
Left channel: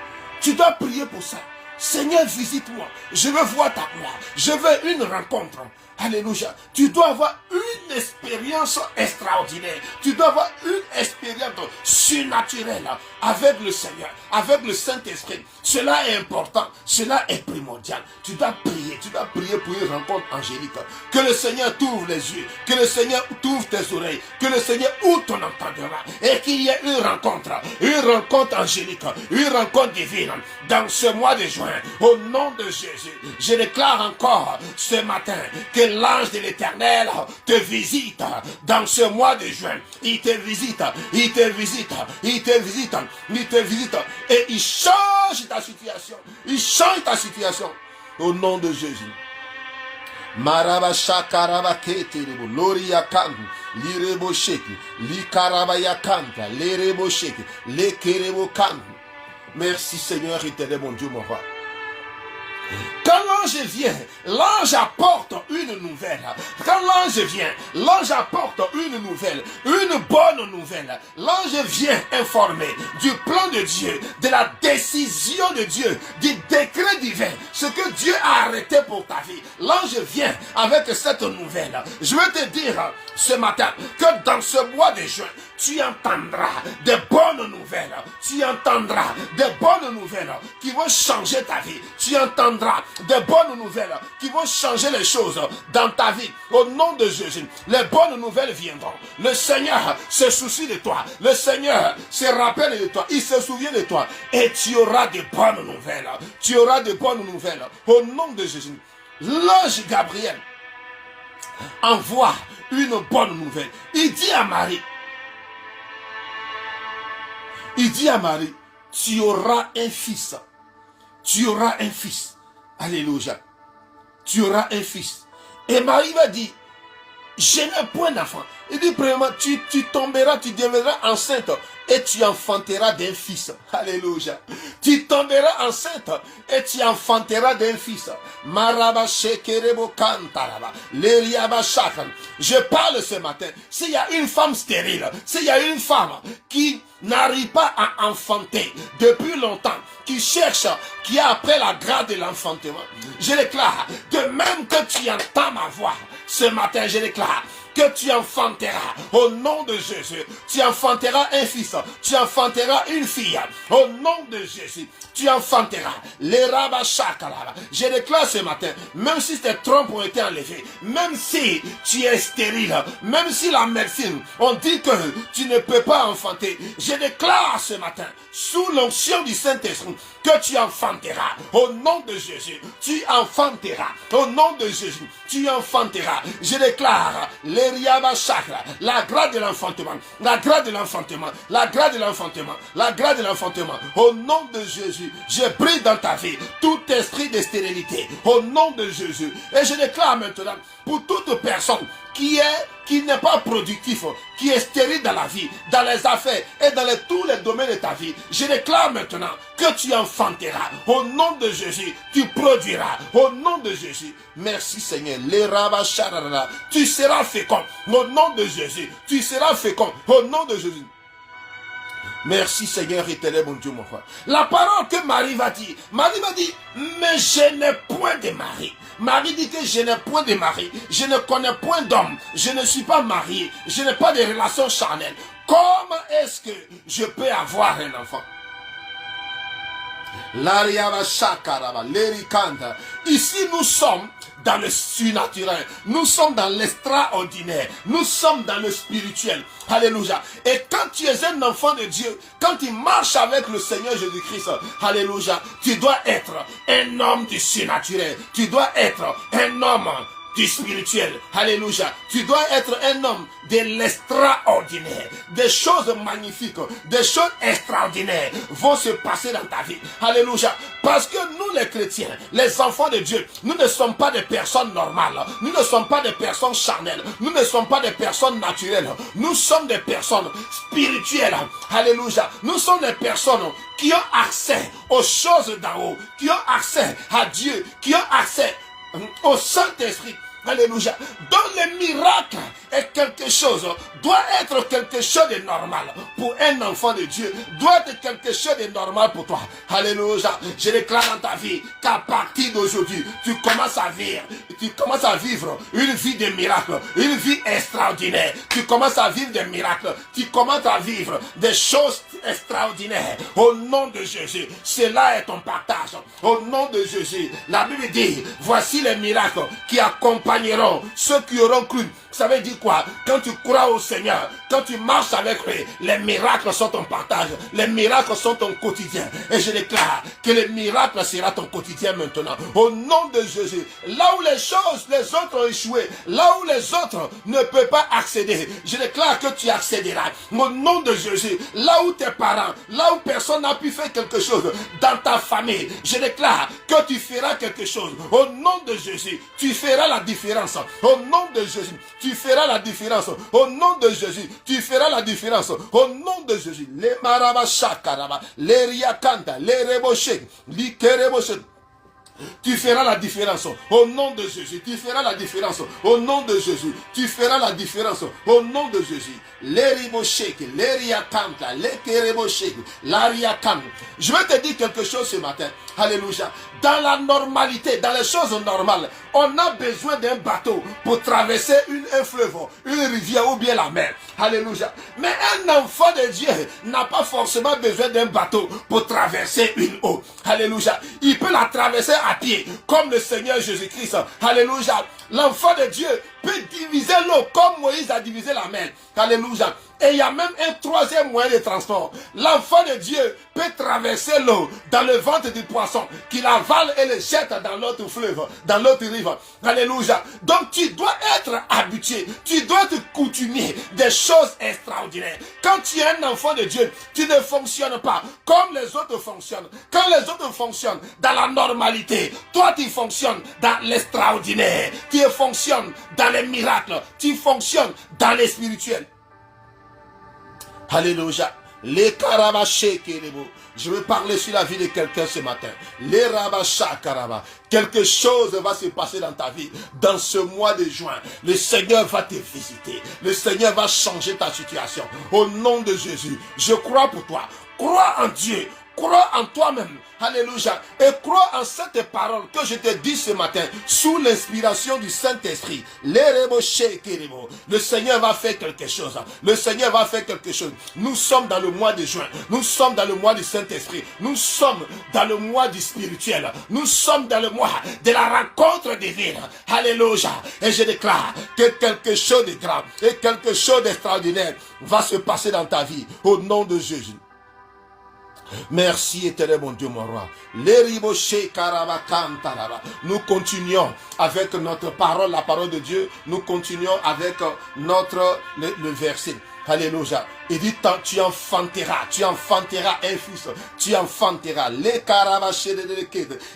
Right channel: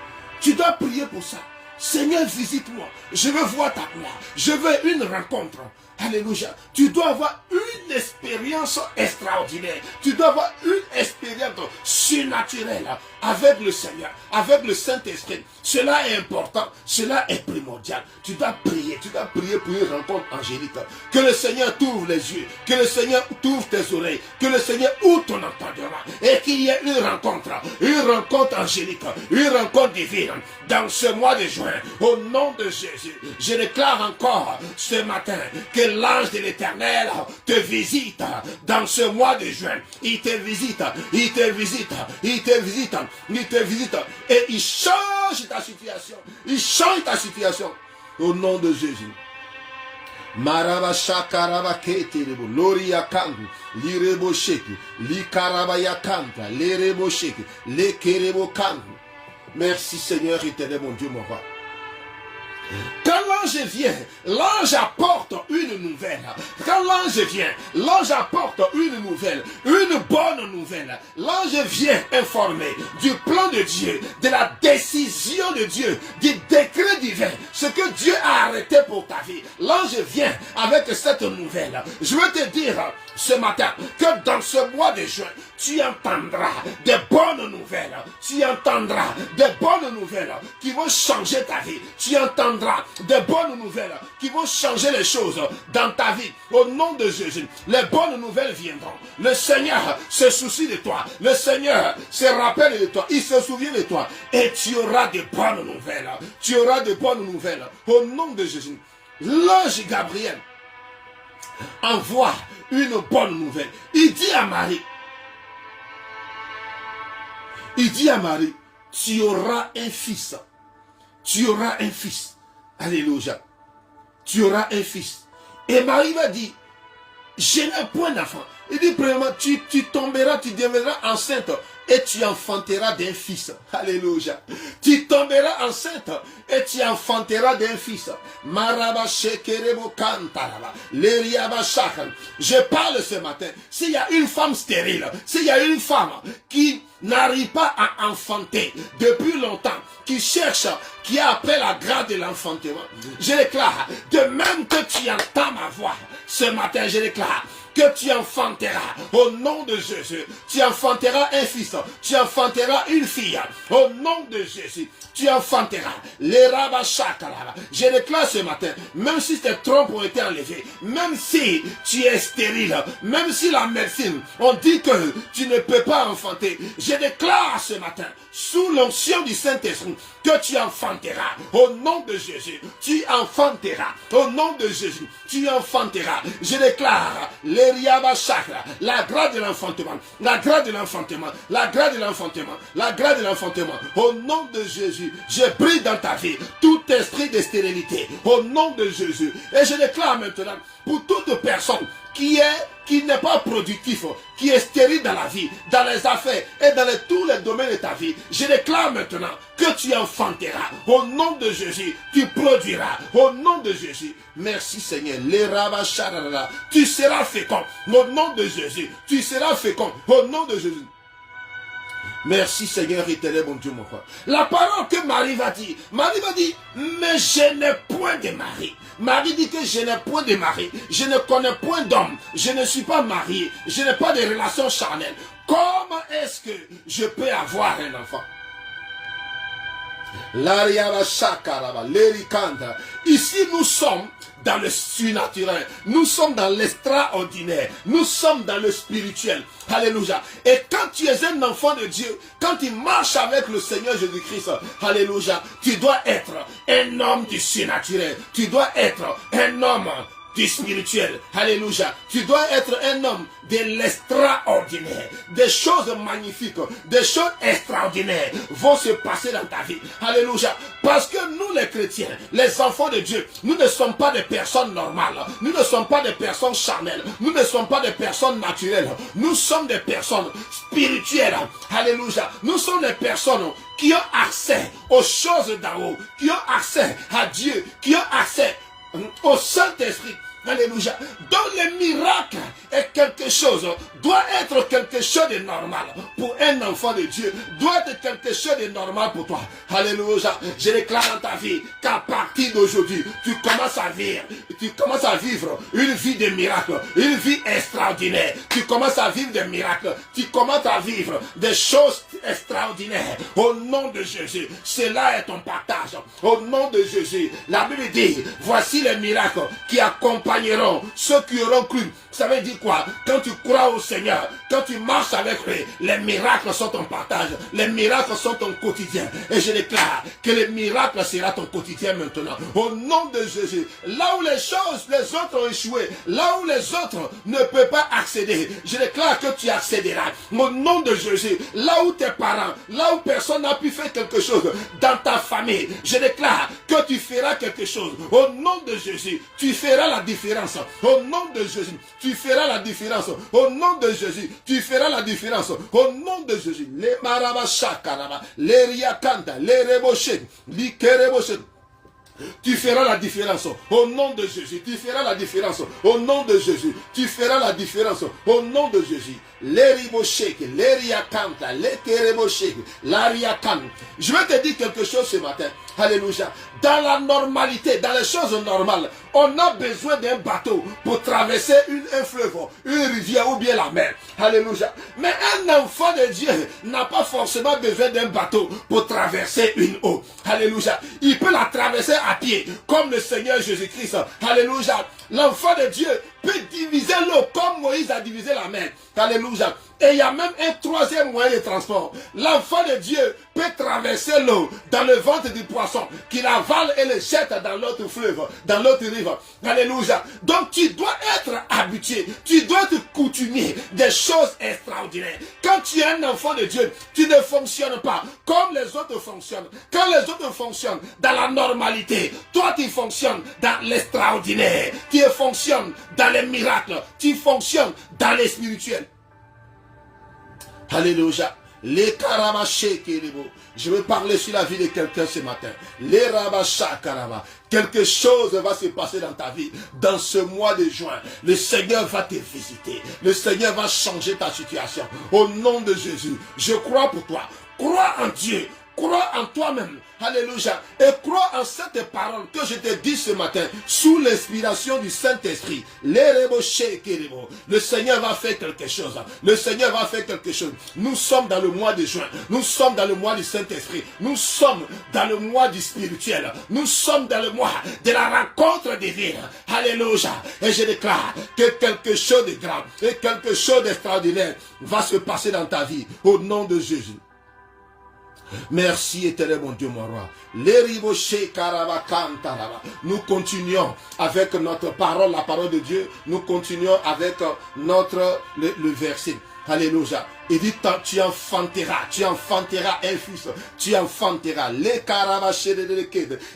Tu dois prier pour ça. Seigneur, visite-moi. Je veux voir ta gloire. Je veux une rencontre. Alléluia. Tu dois avoir une expérience extraordinaire. Tu dois avoir une expérience surnaturelle avec le Seigneur, avec le Saint-Esprit. Cela est important. Cela est primordial. Tu dois prier pour une rencontre angélique. Que le Seigneur t'ouvre les yeux. Que le Seigneur t'ouvre tes oreilles. Que le Seigneur ouvre ton entendement. Et qu'il y ait une rencontre angélique, une rencontre divine dans ce mois de juin. Au nom de Jésus, je déclare encore ce matin que l'ange de l'Éternel te visite dans ce mois de juin. Il te visite, il te visite, il te visite, il te visite. Et il change ta situation. Il change ta situation. Au nom de Jésus. Marabasha karabakete rebo. Lori yakandu. Lirebo sheki. Li karabayakanta. Lerebo sheki. Le kerebo kandu. Merci Seigneur éternel, mon Dieu, mon roi. Quand l'ange vient, l'ange apporte une nouvelle. Quand l'ange vient, l'ange apporte une nouvelle, une bonne nouvelle. L'ange vient informer du plan de Dieu, de la décision de Dieu, du décret divin, ce que Dieu a arrêté pour ta vie. L'ange vient avec cette nouvelle. Je veux te dire ce matin que dans ce mois de juin, tu entendras de bonnes nouvelles. Tu entendras de bonnes nouvelles qui vont changer ta vie. Tu entendras de bonnes nouvelles qui vont changer les choses dans ta vie. Au nom de Jésus, les bonnes nouvelles viendront. Le Seigneur se soucie de toi. Le Seigneur se rappelle de toi. Il se souvient de toi. Et tu auras de bonnes nouvelles. Tu auras de bonnes nouvelles. Au nom de Jésus, l'ange Gabriel envoie une bonne nouvelle. Il dit à Marie, tu auras un fils. Tu auras un fils. Alléluia. Tu auras un fils. Et Marie va dire, je n'ai point d'enfant. Il dit, premièrement, tu tomberas, tu deviendras enceinte et tu enfanteras d'un fils. Alléluia. Tu tomberas enceinte et tu enfanteras d'un fils. Je parle ce matin. S'il y a une femme stérile, s'il y a une femme qui n'arrive pas à enfanter depuis longtemps, qui cherche, qui a après la grâce de l'enfantement, je déclare, de même que tu entends ma voix, ce matin, je déclare que tu enfanteras au nom de Jésus. Tu enfanteras un fils, tu enfanteras une fille au nom de Jésus. Tu enfanteras les rabachakala. Je déclare ce matin, même si tes trompes ont été enlevées, même si tu es stérile, même si la médecine on dit que tu ne peux pas enfanter, je déclare ce matin, sous l'onction du Saint-Esprit, que tu enfanteras au nom de Jésus. Tu enfanteras au nom de Jésus. Tu enfanteras. Je déclare la grâce de l'enfantement, la grâce de l'enfantement, la grâce de l'enfantement, la grâce de l'enfantement. Au nom de Jésus, je prie dans ta vie tout esprit de stérilité. Au nom de Jésus. Et je déclare maintenant pour toute personne qui n'est pas productif, qui est stérile dans la vie, dans les affaires et dans tous les domaines de ta vie, je déclare maintenant que tu enfanteras. Au nom de Jésus, tu produiras. Au nom de Jésus. Merci Seigneur. Tu seras fécond. Au nom de Jésus. Tu seras fécond. Au nom de Jésus. Merci Seigneur éternel, mon Dieu, mon frère. La parole que Marie va dire, mais je n'ai point de mari. Marie dit que je n'ai point de mari, je ne connais point d'homme, je ne suis pas marié, je n'ai pas de relation charnelle. Comment est-ce que je peux avoir un enfant? Ici nous sommes dans le surnaturel, nous sommes dans l'extraordinaire, nous sommes dans le spirituel. Alléluia. Et quand tu es un enfant de Dieu, quand tu marches avec le Seigneur Jésus-Christ, alléluia, tu dois être un homme du surnaturel, tu dois être un homme du spirituel. Alléluia. Tu dois être un homme de l'extraordinaire. Des choses magnifiques, des choses extraordinaires vont se passer dans ta vie. Alléluia. Parce que nous les chrétiens, les enfants de Dieu, nous ne sommes pas des personnes normales. Nous ne sommes pas des personnes charnelles. Nous ne sommes pas des personnes naturelles. Nous sommes des personnes spirituelles. Alléluia. Nous sommes des personnes qui ont accès aux choses d'en haut, qui ont accès à Dieu, qui ont accès au Saint-Esprit. Alléluia. Donc le miracle est quelque chose, doit être quelque chose de normal pour un enfant de Dieu, doit être quelque chose de normal pour toi. Alléluia. Je déclare dans ta vie qu'à partir d'aujourd'hui, tu commences à vivre une vie de miracle, une vie extraordinaire. Tu commences à vivre des miracles, tu commences à vivre des choses extraordinaires. Au nom de Jésus, cela est ton partage. Au nom de Jésus, la Bible dit, voici les miracles qui accompagnent ceux qui auront cru. Ça veut dire quoi? Quand tu crois au Seigneur, quand tu marches avec lui, les miracles sont ton partage, les miracles sont ton quotidien. Et je déclare que les miracles sera ton quotidien maintenant. Au nom de Jésus, là où les autres ont échoué, là où les autres ne peuvent pas accéder, je déclare que tu accéderas. Au nom de Jésus, là où tes parents, là où personne n'a pu faire quelque chose dans ta famille, je déclare que tu feras quelque chose. Au nom de Jésus, tu feras la différence. différence. Au nom de Jésus, tu feras la différence. Au nom de Jésus, tu feras la différence. Au nom de Jésus. Les marabashakaraba, les riakanta, les rebochés, les kerebochés. Tu feras la différence au nom de Jésus. Tu feras la différence au nom de Jésus. Tu feras la différence au nom de Jésus. Les riboshek, les riakanta, les kereboshek, la riakanta. Je vais te dire quelque chose ce matin. Alléluia. Dans la normalité, dans les choses normales, on a besoin d'un bateau pour traverser un fleuve, une rivière ou bien la mer. Alléluia. Mais un enfant de Dieu n'a pas forcément besoin d'un bateau pour traverser une eau. Alléluia. Il peut la traverser à pied, comme le Seigneur Jésus-Christ. Alléluia. L'enfant de Dieu peut diviser l'eau comme Moïse a divisé la mer. Alléluia. Et il y a même un troisième moyen de transport. L'enfant de Dieu peut traverser l'eau dans le ventre du poisson, qu'il avale et le jette dans l'autre fleuve, dans l'autre rive. Alléluia. Donc tu dois être habitué, tu dois te coutumier des choses extraordinaires. Quand tu es un enfant de Dieu, tu ne fonctionnes pas comme les autres fonctionnent. Quand les autres fonctionnent dans la normalité, toi tu fonctionnes dans l'extraordinaire. Tu fonctionnes dans les miracles, tu fonctionnes dans les spirituels. Alléluia. Les karabashekerebo. Je vais parler sur la vie de quelqu'un ce matin. Les rabashakaraba. Quelque chose va se passer dans ta vie. Dans ce mois de juin, le Seigneur va te visiter. Le Seigneur va changer ta situation. Au nom de Jésus, je crois pour toi. Crois en Dieu. Crois en toi-même. Alléluia. Et crois en cette parole que je te dis ce matin sous l'inspiration du Saint-Esprit. Le Seigneur va faire quelque chose. Le Seigneur va faire quelque chose. Nous sommes dans le mois de juin. Nous sommes dans le mois du Saint-Esprit. Nous sommes dans le mois du spirituel. Nous sommes dans le mois de la rencontre divine. Alléluia. Et je déclare que quelque chose de grand et quelque chose d'extraordinaire va se passer dans ta vie. Au nom de Jésus. Merci éternel mon Dieu mon roi. Nous continuons avec notre parole, la parole de Dieu. Nous continuons avec le verset. Alléluia. Il dit, tu enfanteras un fils, tu enfanteras.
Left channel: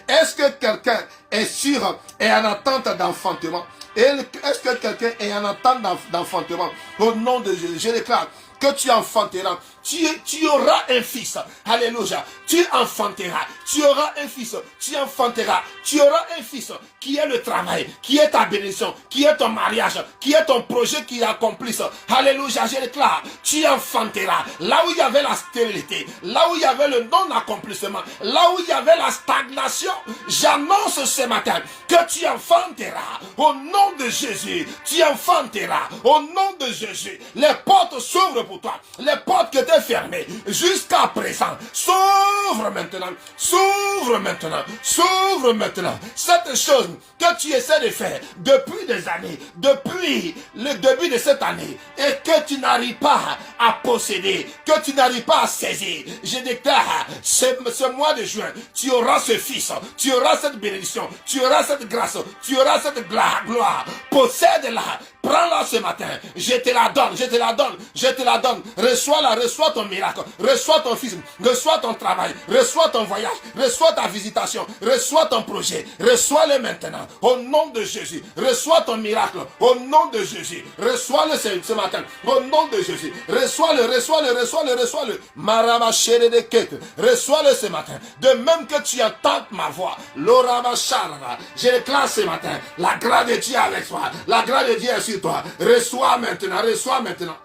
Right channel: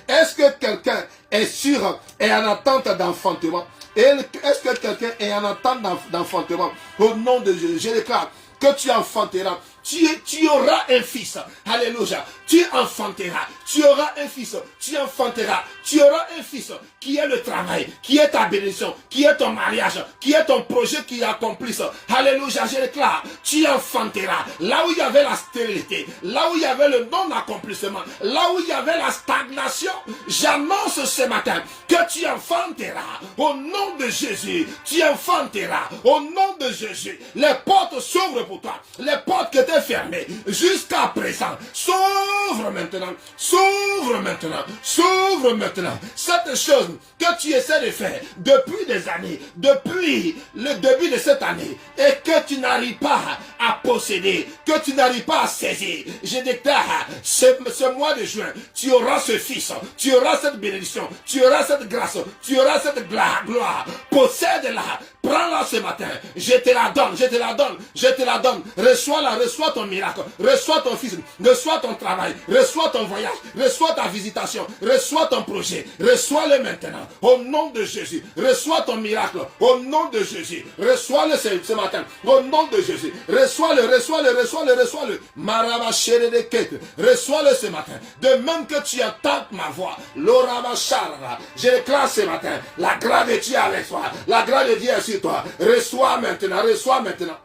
Est-ce que quelqu'un est sûr et en attente d'enfantement? Est-ce que quelqu'un est en attente d'enfantement? Au nom de Jésus, je déclare que tu enfanteras. Tu auras un fils. Alléluia. Tu enfanteras. Tu auras un fils. Tu enfanteras. Tu auras un fils qui est le travail, qui est ta bénédiction, qui est ton mariage, qui est ton projet qui accomplisse. Alléluia. Je déclare, tu enfanteras. Là où il y avait la stérilité, là où il y avait le non-accomplissement, là où il y avait la stagnation, j'annonce ce matin que tu enfanteras. Au nom de Jésus, tu enfanteras. Au nom de Jésus, les portes s'ouvrent pour toi. Les portes que tu as fermées jusqu'à présent s'ouvrent maintenant. S'ouvre maintenant. S'ouvre maintenant. Cette chose que tu essaies de faire depuis des années, depuis le début de cette année, et que tu n'arrives pas à posséder, que tu n'arrives pas à saisir, je déclare, ce mois de juin, tu auras ce fils, tu auras cette bénédiction, tu auras cette grâce, tu auras cette gloire. Possède-la. Prends-la ce matin. Je te la donne, je te la donne, je te la donne. Reçois-la, reçois ton miracle, reçois ton fils, reçois ton travail, reçois ton voyage, reçois ta visitation, reçois ton projet, reçois-le maintenant. Au nom de Jésus, reçois ton miracle. Au nom de Jésus, reçois-le ce matin. Au nom de Jésus, reçois-le, reçois-le, reçois-le, reçois-le. Maraba chéri de quête, reçois-le ce matin. De même que tu entends ma voix, l'oraba charra, je déclare ce matin, la grâce de Dieu avec toi, la grâce de Dieu sur toi. Reçois maintenant, reçois maintenant.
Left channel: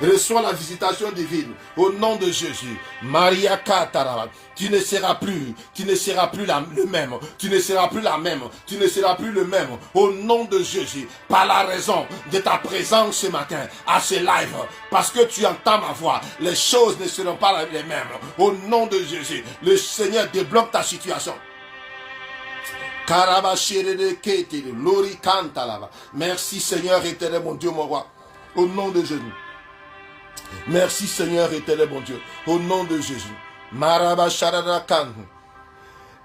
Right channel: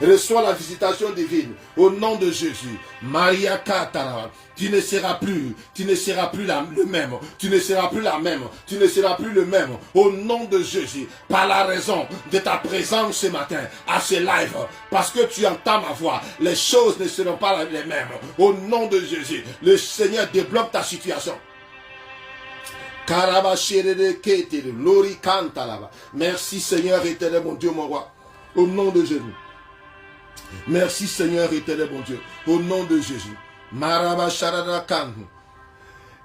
Reçois la visitation divine au nom de Jésus. Maria Katara. Tu ne seras plus le même. Tu ne seras plus la même. Tu ne seras plus le même. Au nom de Jésus. Par la raison de ta présence ce matin à ce live. Parce que tu entends ma voix. Les choses ne seront pas les mêmes. Au nom de Jésus. Le Seigneur débloque ta situation. Merci Seigneur éternel mon Dieu mon roi. Au nom de Jésus. Merci Seigneur éternel mon Dieu. Au nom de Jésus.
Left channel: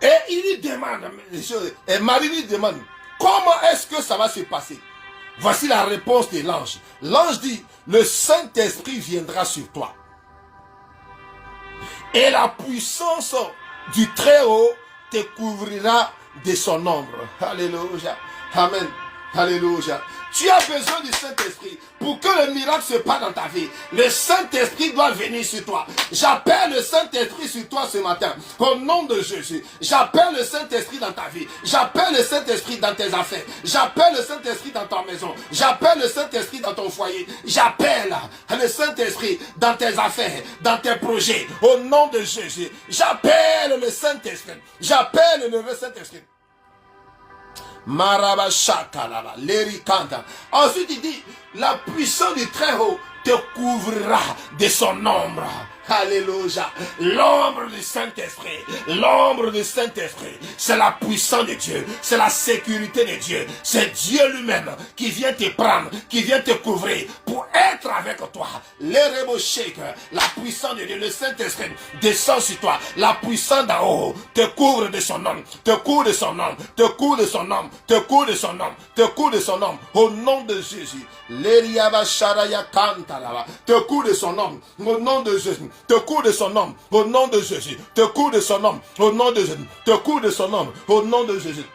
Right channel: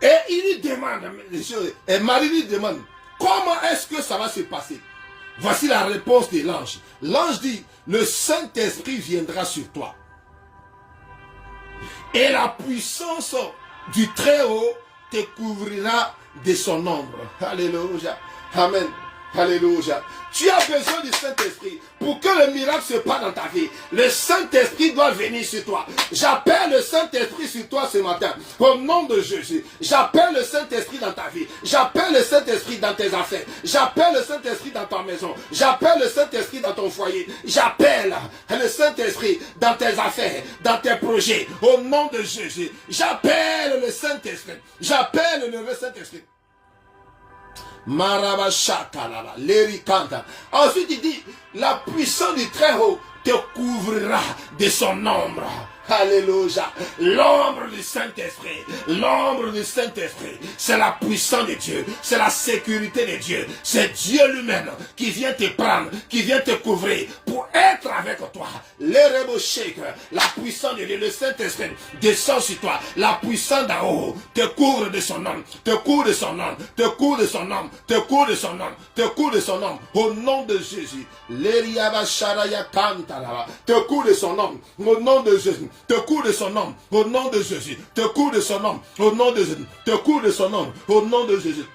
Et il lui demande, et Marie lui demande, comment est-ce que ça va se passer? Voici la réponse de l'ange. L'ange dit, le Saint-Esprit viendra sur toi. Et la puissance du Très-Haut te couvrira de son ombre. Alléluia. Amen. Alléluia. Tu as besoin du Saint-Esprit pour que le miracle se passe dans ta vie. Le Saint-Esprit doit venir sur toi. J'appelle le Saint-Esprit sur toi ce matin. Au nom de Jésus. J'appelle le Saint-Esprit dans ta vie. J'appelle le Saint-Esprit dans tes affaires. J'appelle le Saint-Esprit dans ta maison. J'appelle le Saint-Esprit dans ton foyer. J'appelle le Saint-Esprit dans tes affaires, dans tes projets. Au nom de Jésus. J'appelle le Saint-Esprit. J'appelle le Saint-Esprit. Marabashakalala, l'éricanta. Ensuite il dit, la puissance du Très-Haut te couvrira de son ombre. Alléluia. L'ombre du Saint-Esprit. L'ombre du Saint-Esprit. C'est la puissance de Dieu. C'est la sécurité de Dieu. C'est Dieu lui-même qui vient te prendre, qui vient te couvrir pour être avec toi. La puissance de Dieu, le Saint-Esprit descend sur toi. La puissance d'en haut te couvre de son nom. Te couvre de son nom. Te couvre de son nom. Te couvre de son nom. Te couvre de son nom. Au nom de Jésus. Te couvre de son nom. Au nom de Jésus. Te couvre de son nom, au nom de Jésus. Te couvre de son nom, au nom de Jésus. Te couvre de son nom, au nom de Jésus.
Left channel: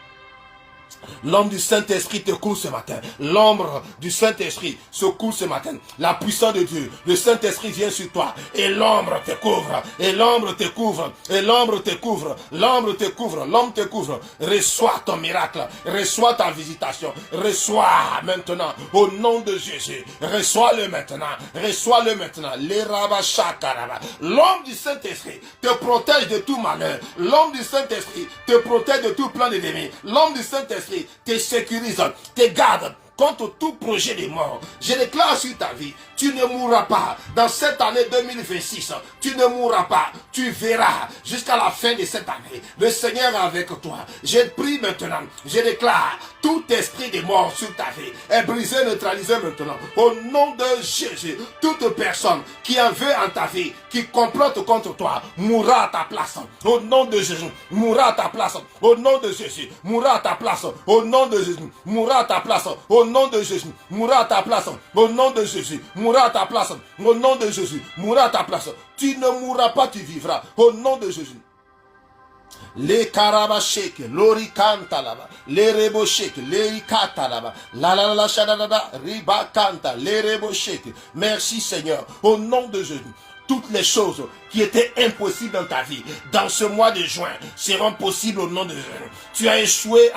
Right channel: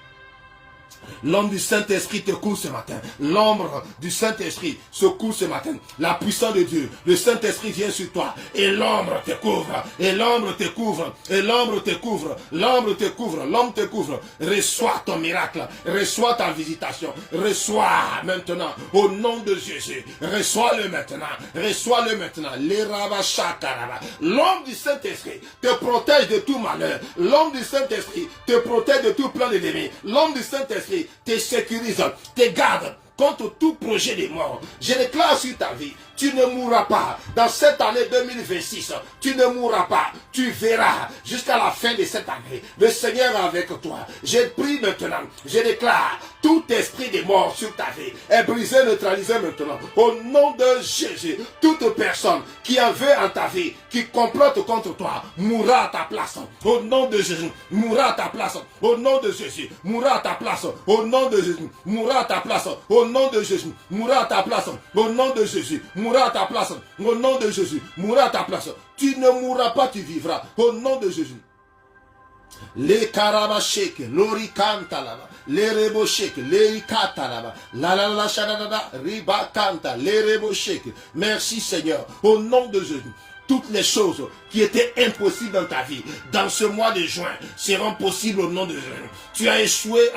L'ombre du Saint-Esprit te couvre ce matin. L'ombre du Saint-Esprit se couvre ce matin. La puissance de Dieu, le Saint-Esprit vient sur toi. Et l'ombre te couvre. Et l'ombre te couvre. Et l'ombre te couvre. L'ombre te couvre. L'ombre te couvre. Reçois ton miracle. Reçois ta visitation. Reçois maintenant. Au nom de Jésus. Reçois-le maintenant. Reçois-le maintenant. L'ombre du Saint-Esprit te protège de tout malheur. L'ombre du Saint-Esprit te protège de tout plan d'ennemi. L'ombre du Saint-Esprit te sécurise, te garde contre tout projet de mort. Je déclare sur ta vie, tu ne mourras pas. Dans cette année 2026, tu ne mourras pas. Tu verras jusqu'à la fin de cette année. Le Seigneur est avec toi. Je prie maintenant. Je déclare tout esprit de mort sur ta vie est brisé, neutralisé maintenant. Au nom de Jésus, toute personne qui en veut en ta vie, qui complote contre toi, mourra à ta place. Au nom de Jésus, mourra à ta place. Au nom de Jésus, mourra à ta place. Au nom de Jésus, mourra à ta place. Au nom de Jésus, mourra à ta place. Au nom de Jésus, mourra à ta place. Au nom de Jésus, mourra à ta place. Tu ne mourras pas, tu vivras. Au nom de Jésus. Les karabashek, l'oricanta là-bas, les reboshek, les ikata là-bas, la shadada, riba kanta, les reboshek. Merci Seigneur, au nom de Jésus. Toutes les choses qui étaient impossibles dans ta vie, dans ce mois de juin, seront possibles au nom de Jésus. Tu as échoué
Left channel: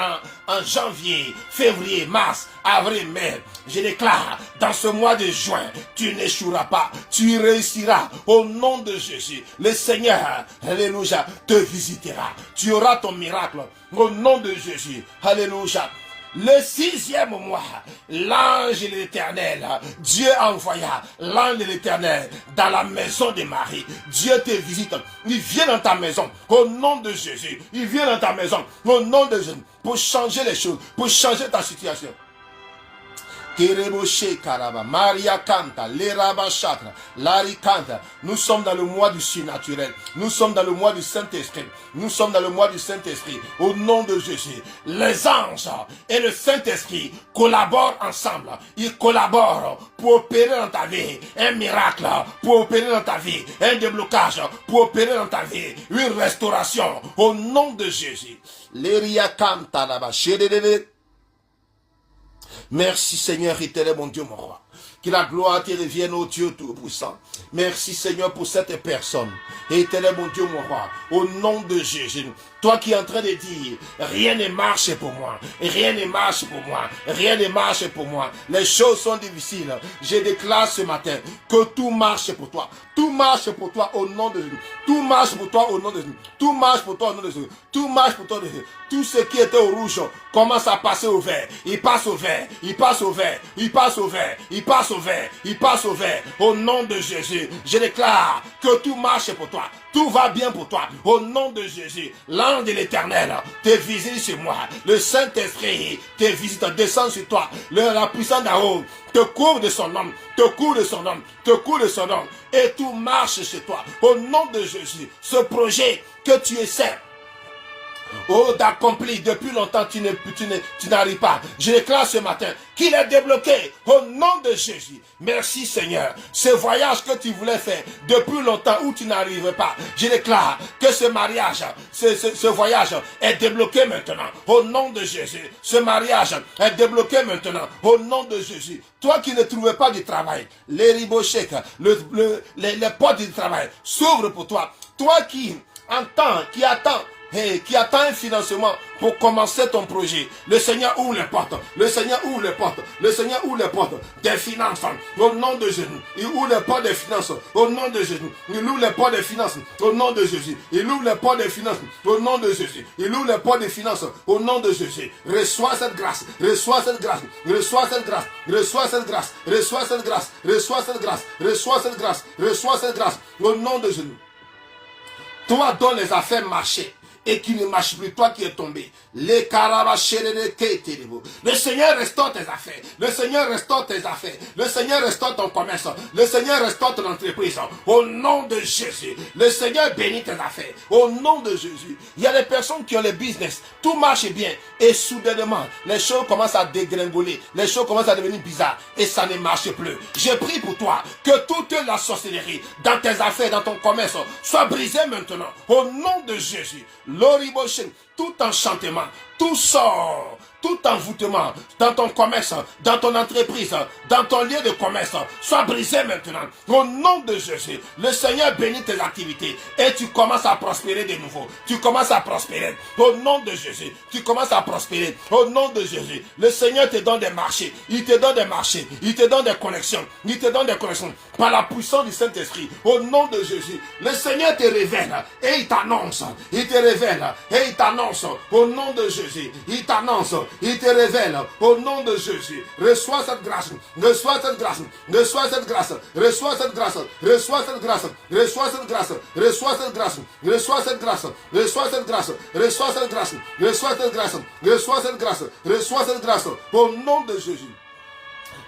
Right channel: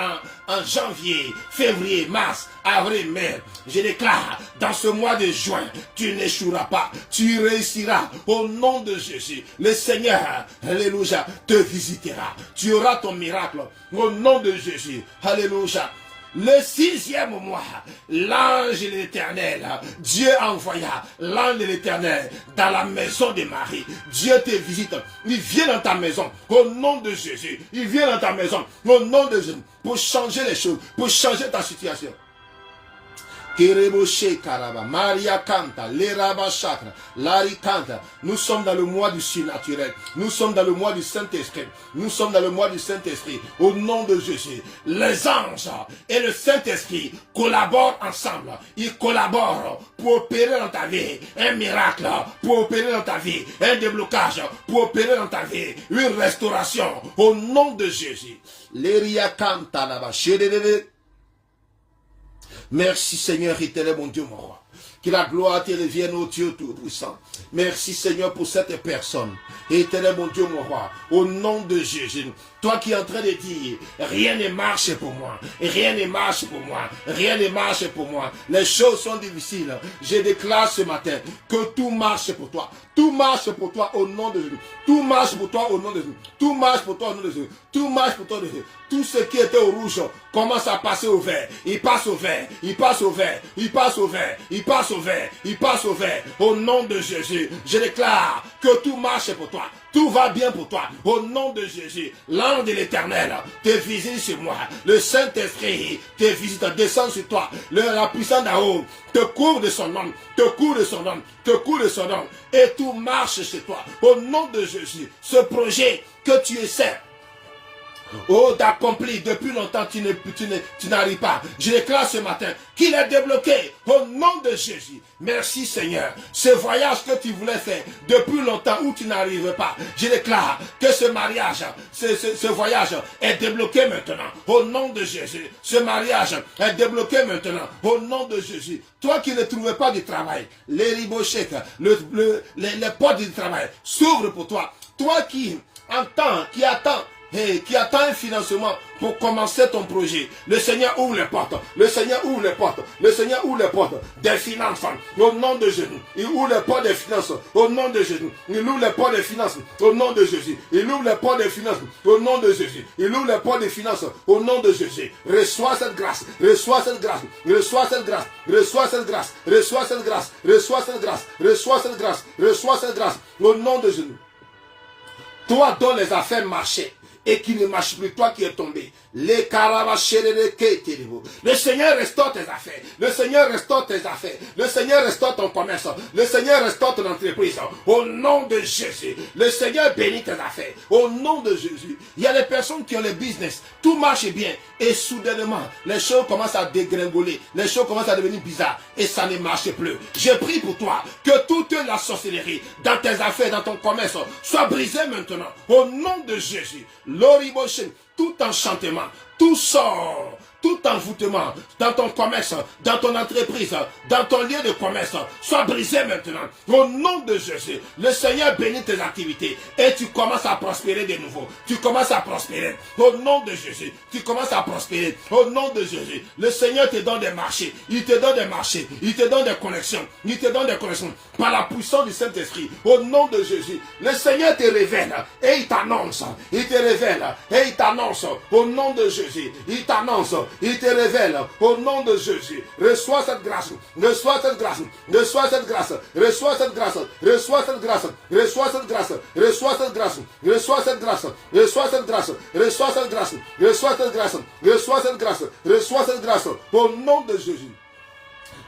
en janvier, février, mars, avril, mai. Je déclare, dans ce mois de juin, tu n'échoueras pas, tu réussiras au nom de Jésus. Le Seigneur, alléluia, te visitera. Tu auras ton miracle au nom de Jésus. Alléluia. Le 6e mois, l'ange de l'Éternel, Dieu envoya l'ange de l'Éternel dans la maison de Marie. Dieu te visite, il vient dans ta maison au nom de Jésus. Il vient dans ta maison au nom de Jésus pour changer les choses, pour changer ta situation. Maria canta, Leraba Chakra, Lari canta. Nous sommes dans le mois du surnaturel. Nous sommes dans le mois du Saint-Esprit. Nous sommes dans le mois du Saint-Esprit. Au nom de Jésus, les anges et le Saint-Esprit collaborent ensemble. Ils collaborent pour opérer dans ta vie un miracle, pour opérer dans ta vie un déblocage, pour opérer dans ta vie une restauration. Au nom de Jésus. Leria canta là-bas. Merci Seigneur, éternel mon Dieu, mon roi. Que la gloire te revienne au Dieu Tout-Puissant. Merci Seigneur pour cette personne. Éternel mon Dieu, mon roi, au nom de Jésus. Toi qui es en train de dire, rien ne marche pour moi, rien ne marche pour moi, rien ne marche pour moi. Les choses sont difficiles. Je déclare ce matin que tout marche pour toi. Tout marche pour toi au nom de Jésus. Tout marche pour toi au nom de Jésus. Tout marche pour toi au nom de Jésus. Tout marche pour toi au nom de Jésus. Tout ce qui était au rouge commence à passer au vert. Il passe au vert. Il passe au vert. Il passe au vert. Il passe au vert. Il passe au vert. Au nom de Jésus, je déclare que tout marche pour toi. Tout va bien pour toi. Au nom de Jésus, l'ange de l'Éternel te visite sur moi. Le Saint-Esprit te visite, descend sur toi. La puissance d'en haut te couvre de son nom, te couvre de son nom, te couvre de son nom. Et tout marche chez toi. Au nom de Jésus, ce projet que tu essaies oh, d'accomplir depuis longtemps, tu n'arrives pas. Je déclare ce matin qu'il est débloqué au nom de Jésus. Merci Seigneur. Ce voyage que tu voulais faire depuis longtemps où tu n'arrivais pas, je déclare que ce mariage, ce voyage est débloqué maintenant au nom de Jésus. Ce mariage est débloqué maintenant au nom de Jésus. Toi qui ne trouvais pas du travail, les ribochèques, les portes du travail s'ouvrent pour toi. Toi qui attend un financement pour commencer ton projet. Le Seigneur ouvre les portes. Le Seigneur ouvre les portes. Le Seigneur ouvre les portes des finances. Au nom de Jésus. Il ouvre les portes des finances. Au nom de Jésus. Il ouvre les portes des finances. Au nom de Jésus. Il ouvre les portes des finances. Au nom de Jésus. Il ouvre les portes des finances. Au nom de Jésus. Reçois cette grâce. Reçois cette grâce. Reçois cette grâce. Reçois cette grâce. Reçois cette grâce. Reçois cette grâce. Reçois cette grâce. Reçois cette grâce. Au nom de Jésus. Toi dont les affaires marchaient et qui ne marche plus, toi qui es tombé. Le Seigneur restaure tes affaires. Le Seigneur restaure tes affaires. Le Seigneur restaure ton commerce. Le Seigneur restaure ton entreprise. Au nom de Jésus. Le Seigneur bénit tes affaires. Au nom de Jésus. Il y a des personnes qui ont le business. Tout marche bien. Et soudainement, les choses commencent à dégringoler. Les choses commencent à devenir bizarres. Et ça ne marche plus. Je prie pour toi que toute la sorcellerie dans tes affaires, dans ton commerce, soit brisée maintenant. Au nom de Jésus. L'oriboshin, tout enchantement, tout sort, tout envoûtement dans ton commerce, dans ton entreprise, dans ton lieu de commerce, soit brisé maintenant. Au nom de Jésus, le Seigneur bénit tes activités et tu commences à prospérer de nouveau. Tu commences à prospérer. Au nom de Jésus, tu commences à prospérer. Au nom de Jésus, le Seigneur te donne des marchés. Il te donne des marchés. Il te donne des connexions. Il te donne des connexions par la puissance du Saint-Esprit. Au nom de Jésus, le Seigneur te révèle et il t'annonce. Il te révèle et il t'annonce. Au nom de Jésus, il t'annonce. Il te révèle au nom de Jésus. Reçois cette grâce. Reçois cette grâce. Reçois cette grâce. Reçois cette grâce. Reçois cette grâce. Reçois cette grâce. Reçois cette grâce. Reçois cette grâce. Reçois cette grâce. Reçois cette grâce. Reçois cette grâce. Reçois cette grâce. Reçois cette grâce. Au nom de Jésus.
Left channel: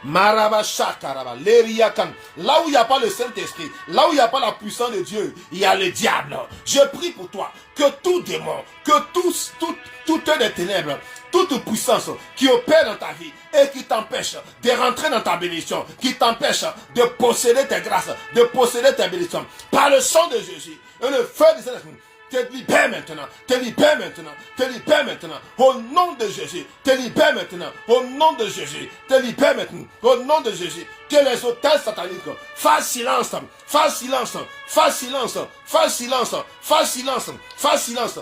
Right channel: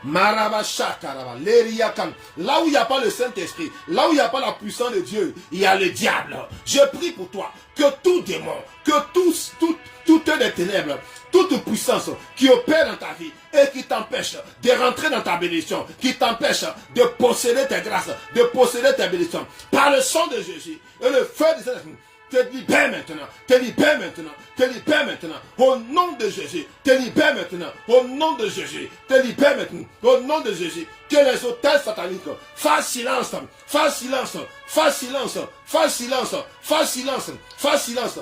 Là où il n'y a pas le Saint-Esprit, là où il n'y a pas la puissance de Dieu, il y a le diable. Je prie pour toi que tout démon, que toutes les ténèbres, toute puissance qui opère dans ta vie et qui t'empêche de rentrer dans ta bénédiction, qui t'empêche de posséder tes grâces, de posséder tes bénédictions, par le sang de Jésus et le feu du Saint-Esprit, te libère maintenant, te libère maintenant, te libère maintenant, au nom de Jésus, te libère maintenant, au nom de Jésus, te libère maintenant, au nom de Jésus, que les autels sataniques fassent silence, fassent silence, fassent silence, fassent silence, fassent silence, fassent silence.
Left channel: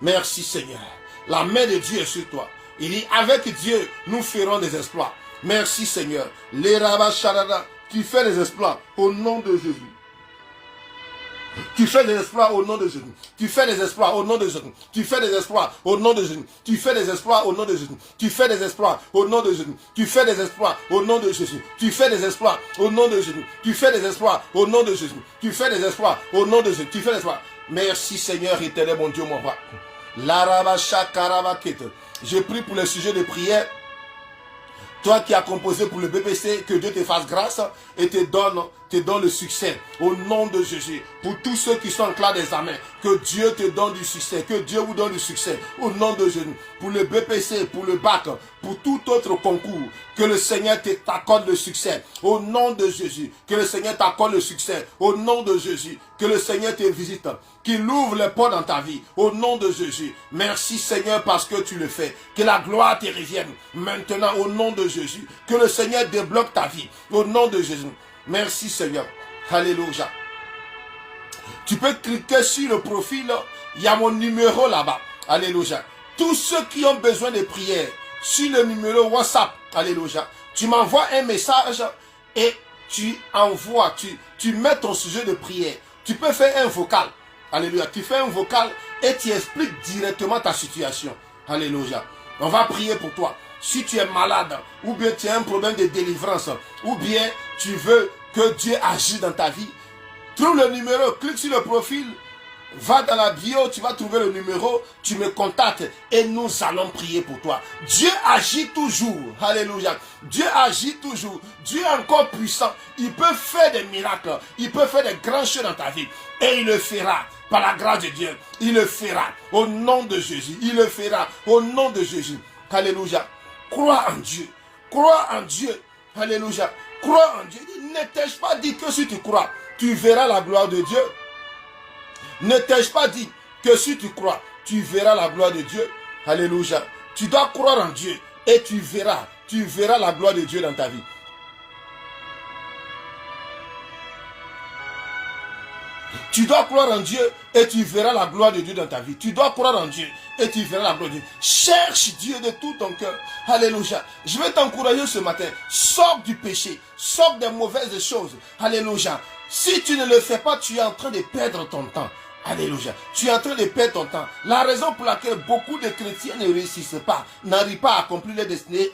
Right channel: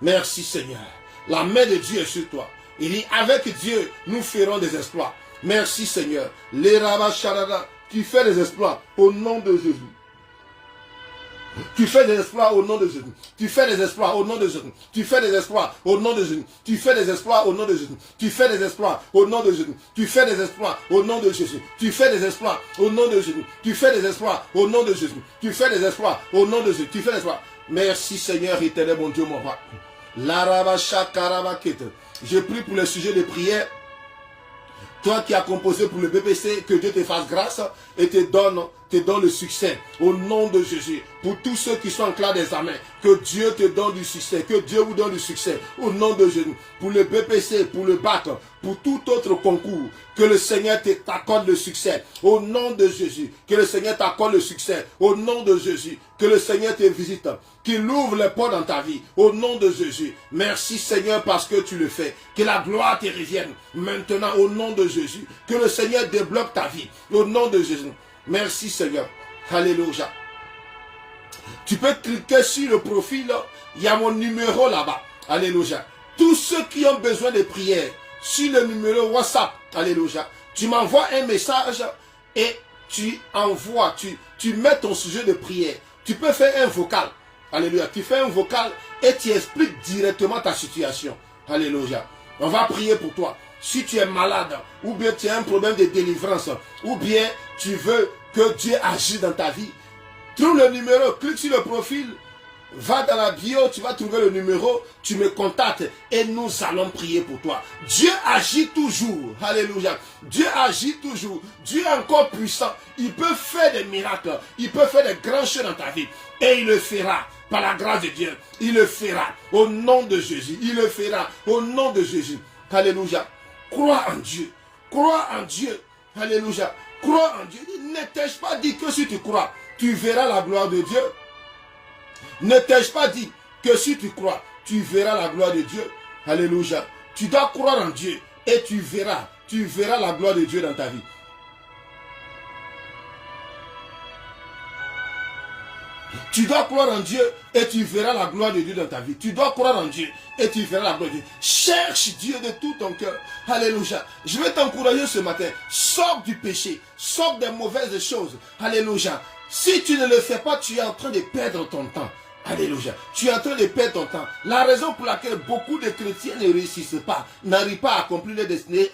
Merci Seigneur, la main de Dieu est sur toi. Il dit, avec Dieu, nous ferons des exploits. Merci Seigneur, les rabbins charada, qui fait des exploits au nom de Jésus. Tu fais des exploits au nom de Jésus. Tu fais des exploits au nom de Jésus. Tu fais des exploits au nom de Jésus. Tu fais des exploits au nom de Jésus. Tu fais des exploits au nom de Jésus. Tu fais des exploits au nom de Jésus. Tu fais des exploits au nom de Jésus. Tu fais des exploits au nom de Jésus. Tu fais des exploits au nom de Jésus. Tu fais des exploits. Merci Seigneur éternel, mon Dieu, mon roi. Je prie pour le sujet de prière. Toi qui as composé pour le BPC, que Dieu te fasse grâce et te donne le succès au nom de Jésus. Pour tous ceux qui sont en classe d'examen, que Dieu te donne du succès, que Dieu vous donne du succès au nom de Jésus. Pour le BPC, pour le bac, pour tout autre concours, que le Seigneur t'accorde le succès au nom de Jésus. Que le Seigneur t'accorde le succès au nom de Jésus. Que le Seigneur te visite, qu'il ouvre les portes dans ta vie au nom de Jésus. Merci Seigneur parce que tu le fais. Que la gloire te revienne maintenant au nom de Jésus. Que le Seigneur débloque ta vie au nom de Jésus. Merci Seigneur. Alléluia. Tu peux cliquer sur le profil. Il y a mon numéro là-bas. Alléluia. Tous ceux qui ont besoin de prière, sur le numéro WhatsApp. Alléluia. Tu m'envoies un message et tu envoies, tu mets ton sujet de prière. Tu peux faire un vocal. Alléluia. Tu fais un vocal et tu expliques directement ta situation. Alléluia. On va prier pour toi. Si tu es malade, ou bien tu as un problème de délivrance, ou bien tu veux que Dieu agisse dans ta vie, trouve le numéro, clique sur le profil Va dans la bio, tu vas trouver le numéro, tu me contactes et nous allons prier pour toi. Dieu agit toujours. Alléluia. Dieu agit toujours. Dieu est encore puissant. Il peut faire des miracles. Il peut faire des grands choses dans ta vie. Et il le fera. Par la grâce de Dieu. Il le fera. Au nom de Jésus. Il le fera. Au nom de Jésus. Alléluia. Crois en Dieu. Crois en Dieu. Alléluia. Crois en Dieu. Ne t'ai-je pas dit que si tu crois, tu verras la gloire de Dieu? Ne t'ai-je pas dit que si tu crois, tu verras la gloire de Dieu? Alléluia. Tu dois croire en Dieu et tu verras la gloire de Dieu dans ta vie. Tu dois croire en Dieu et tu verras la gloire de Dieu dans ta vie. Tu dois croire en Dieu et tu verras la gloire de Dieu. Cherche Dieu de tout ton cœur. Alléluia. Je vais t'encourager ce matin. Sors du péché. Sors des mauvaises choses. Alléluia. Si tu ne le fais pas, tu es en train de perdre ton temps. Alléluia. Tu es en train de perdre ton temps. La raison pour laquelle beaucoup de chrétiens ne réussissent pas, n'arrivent pas à accomplir les destinées,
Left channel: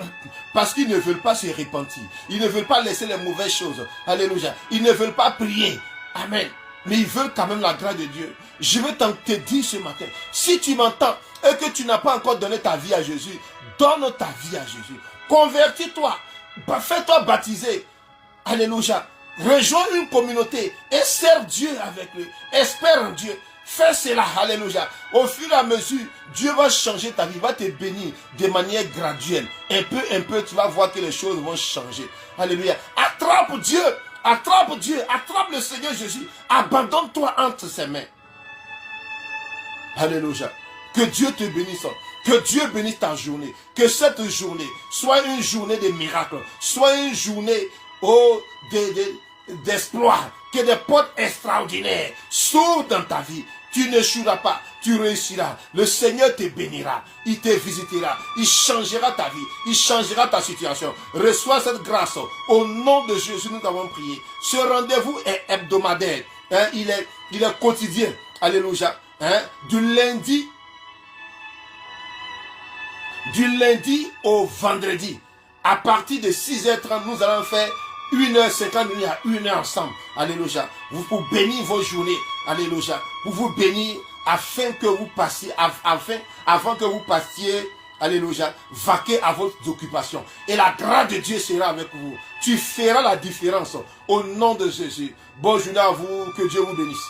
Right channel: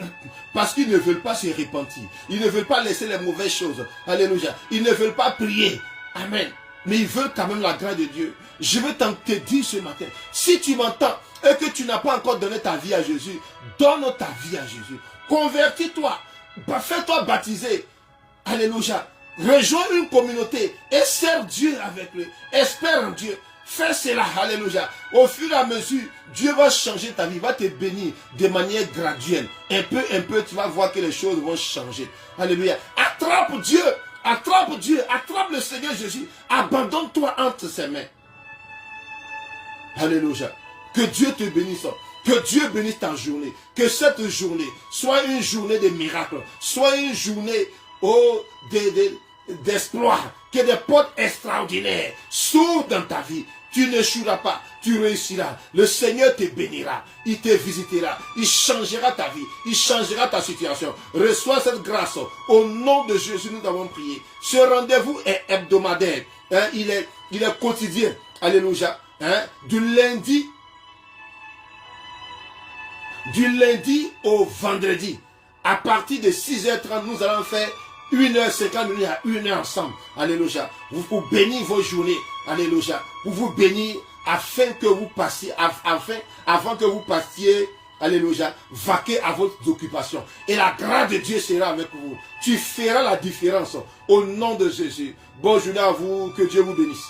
parce qu'ils ne veulent pas se repentir. Ils ne veulent pas laisser les mauvaises choses. Alléluia. Ils ne veulent pas prier. Amen. Mais ils veulent quand même la grâce de Dieu. Je veux te dire ce matin, si tu m'entends et que tu n'as pas encore donné ta vie à Jésus, donne ta vie à Jésus. Convertis-toi. Fais-toi baptiser. Alléluia. Rejoins une communauté et sers Dieu avec eux. Espère en Dieu. Fais cela. Alléluia. Au fur et à mesure, Dieu va changer ta vie, va te bénir de manière graduelle. Un peu, tu vas voir que les choses vont changer. Alléluia. Attrape Dieu. Attrape Dieu. Attrape le Seigneur Jésus. Abandonne-toi entre ses mains. Alléluia. Que Dieu te bénisse. Que Dieu bénisse ta journée. Que cette journée soit une journée de miracles. Soit une journée d'espoir. Que des portes extraordinaires s'ouvrent dans ta vie. Tu n'échoueras pas. Tu réussiras. Le Seigneur te bénira. Il te visitera. Il changera ta vie. Il changera ta situation. Reçois cette grâce. Au nom de Jésus, nous avons prié. Ce rendez-vous est hebdomadaire. Il est quotidien. Alléluia. Du lundi au vendredi. À partir de 6h30, nous allons faire 1h50 minutes à 1h ensemble. Alléluia. Vous pour bénir vos journées. Alléluia. Pour vous bénir afin que vous passiez, avant que vous passiez, alléluia, vaquer à votre occupation. Et la grâce de Dieu sera avec vous. Tu feras la différence au nom de Jésus. Bonne journée à vous. Que Dieu vous bénisse.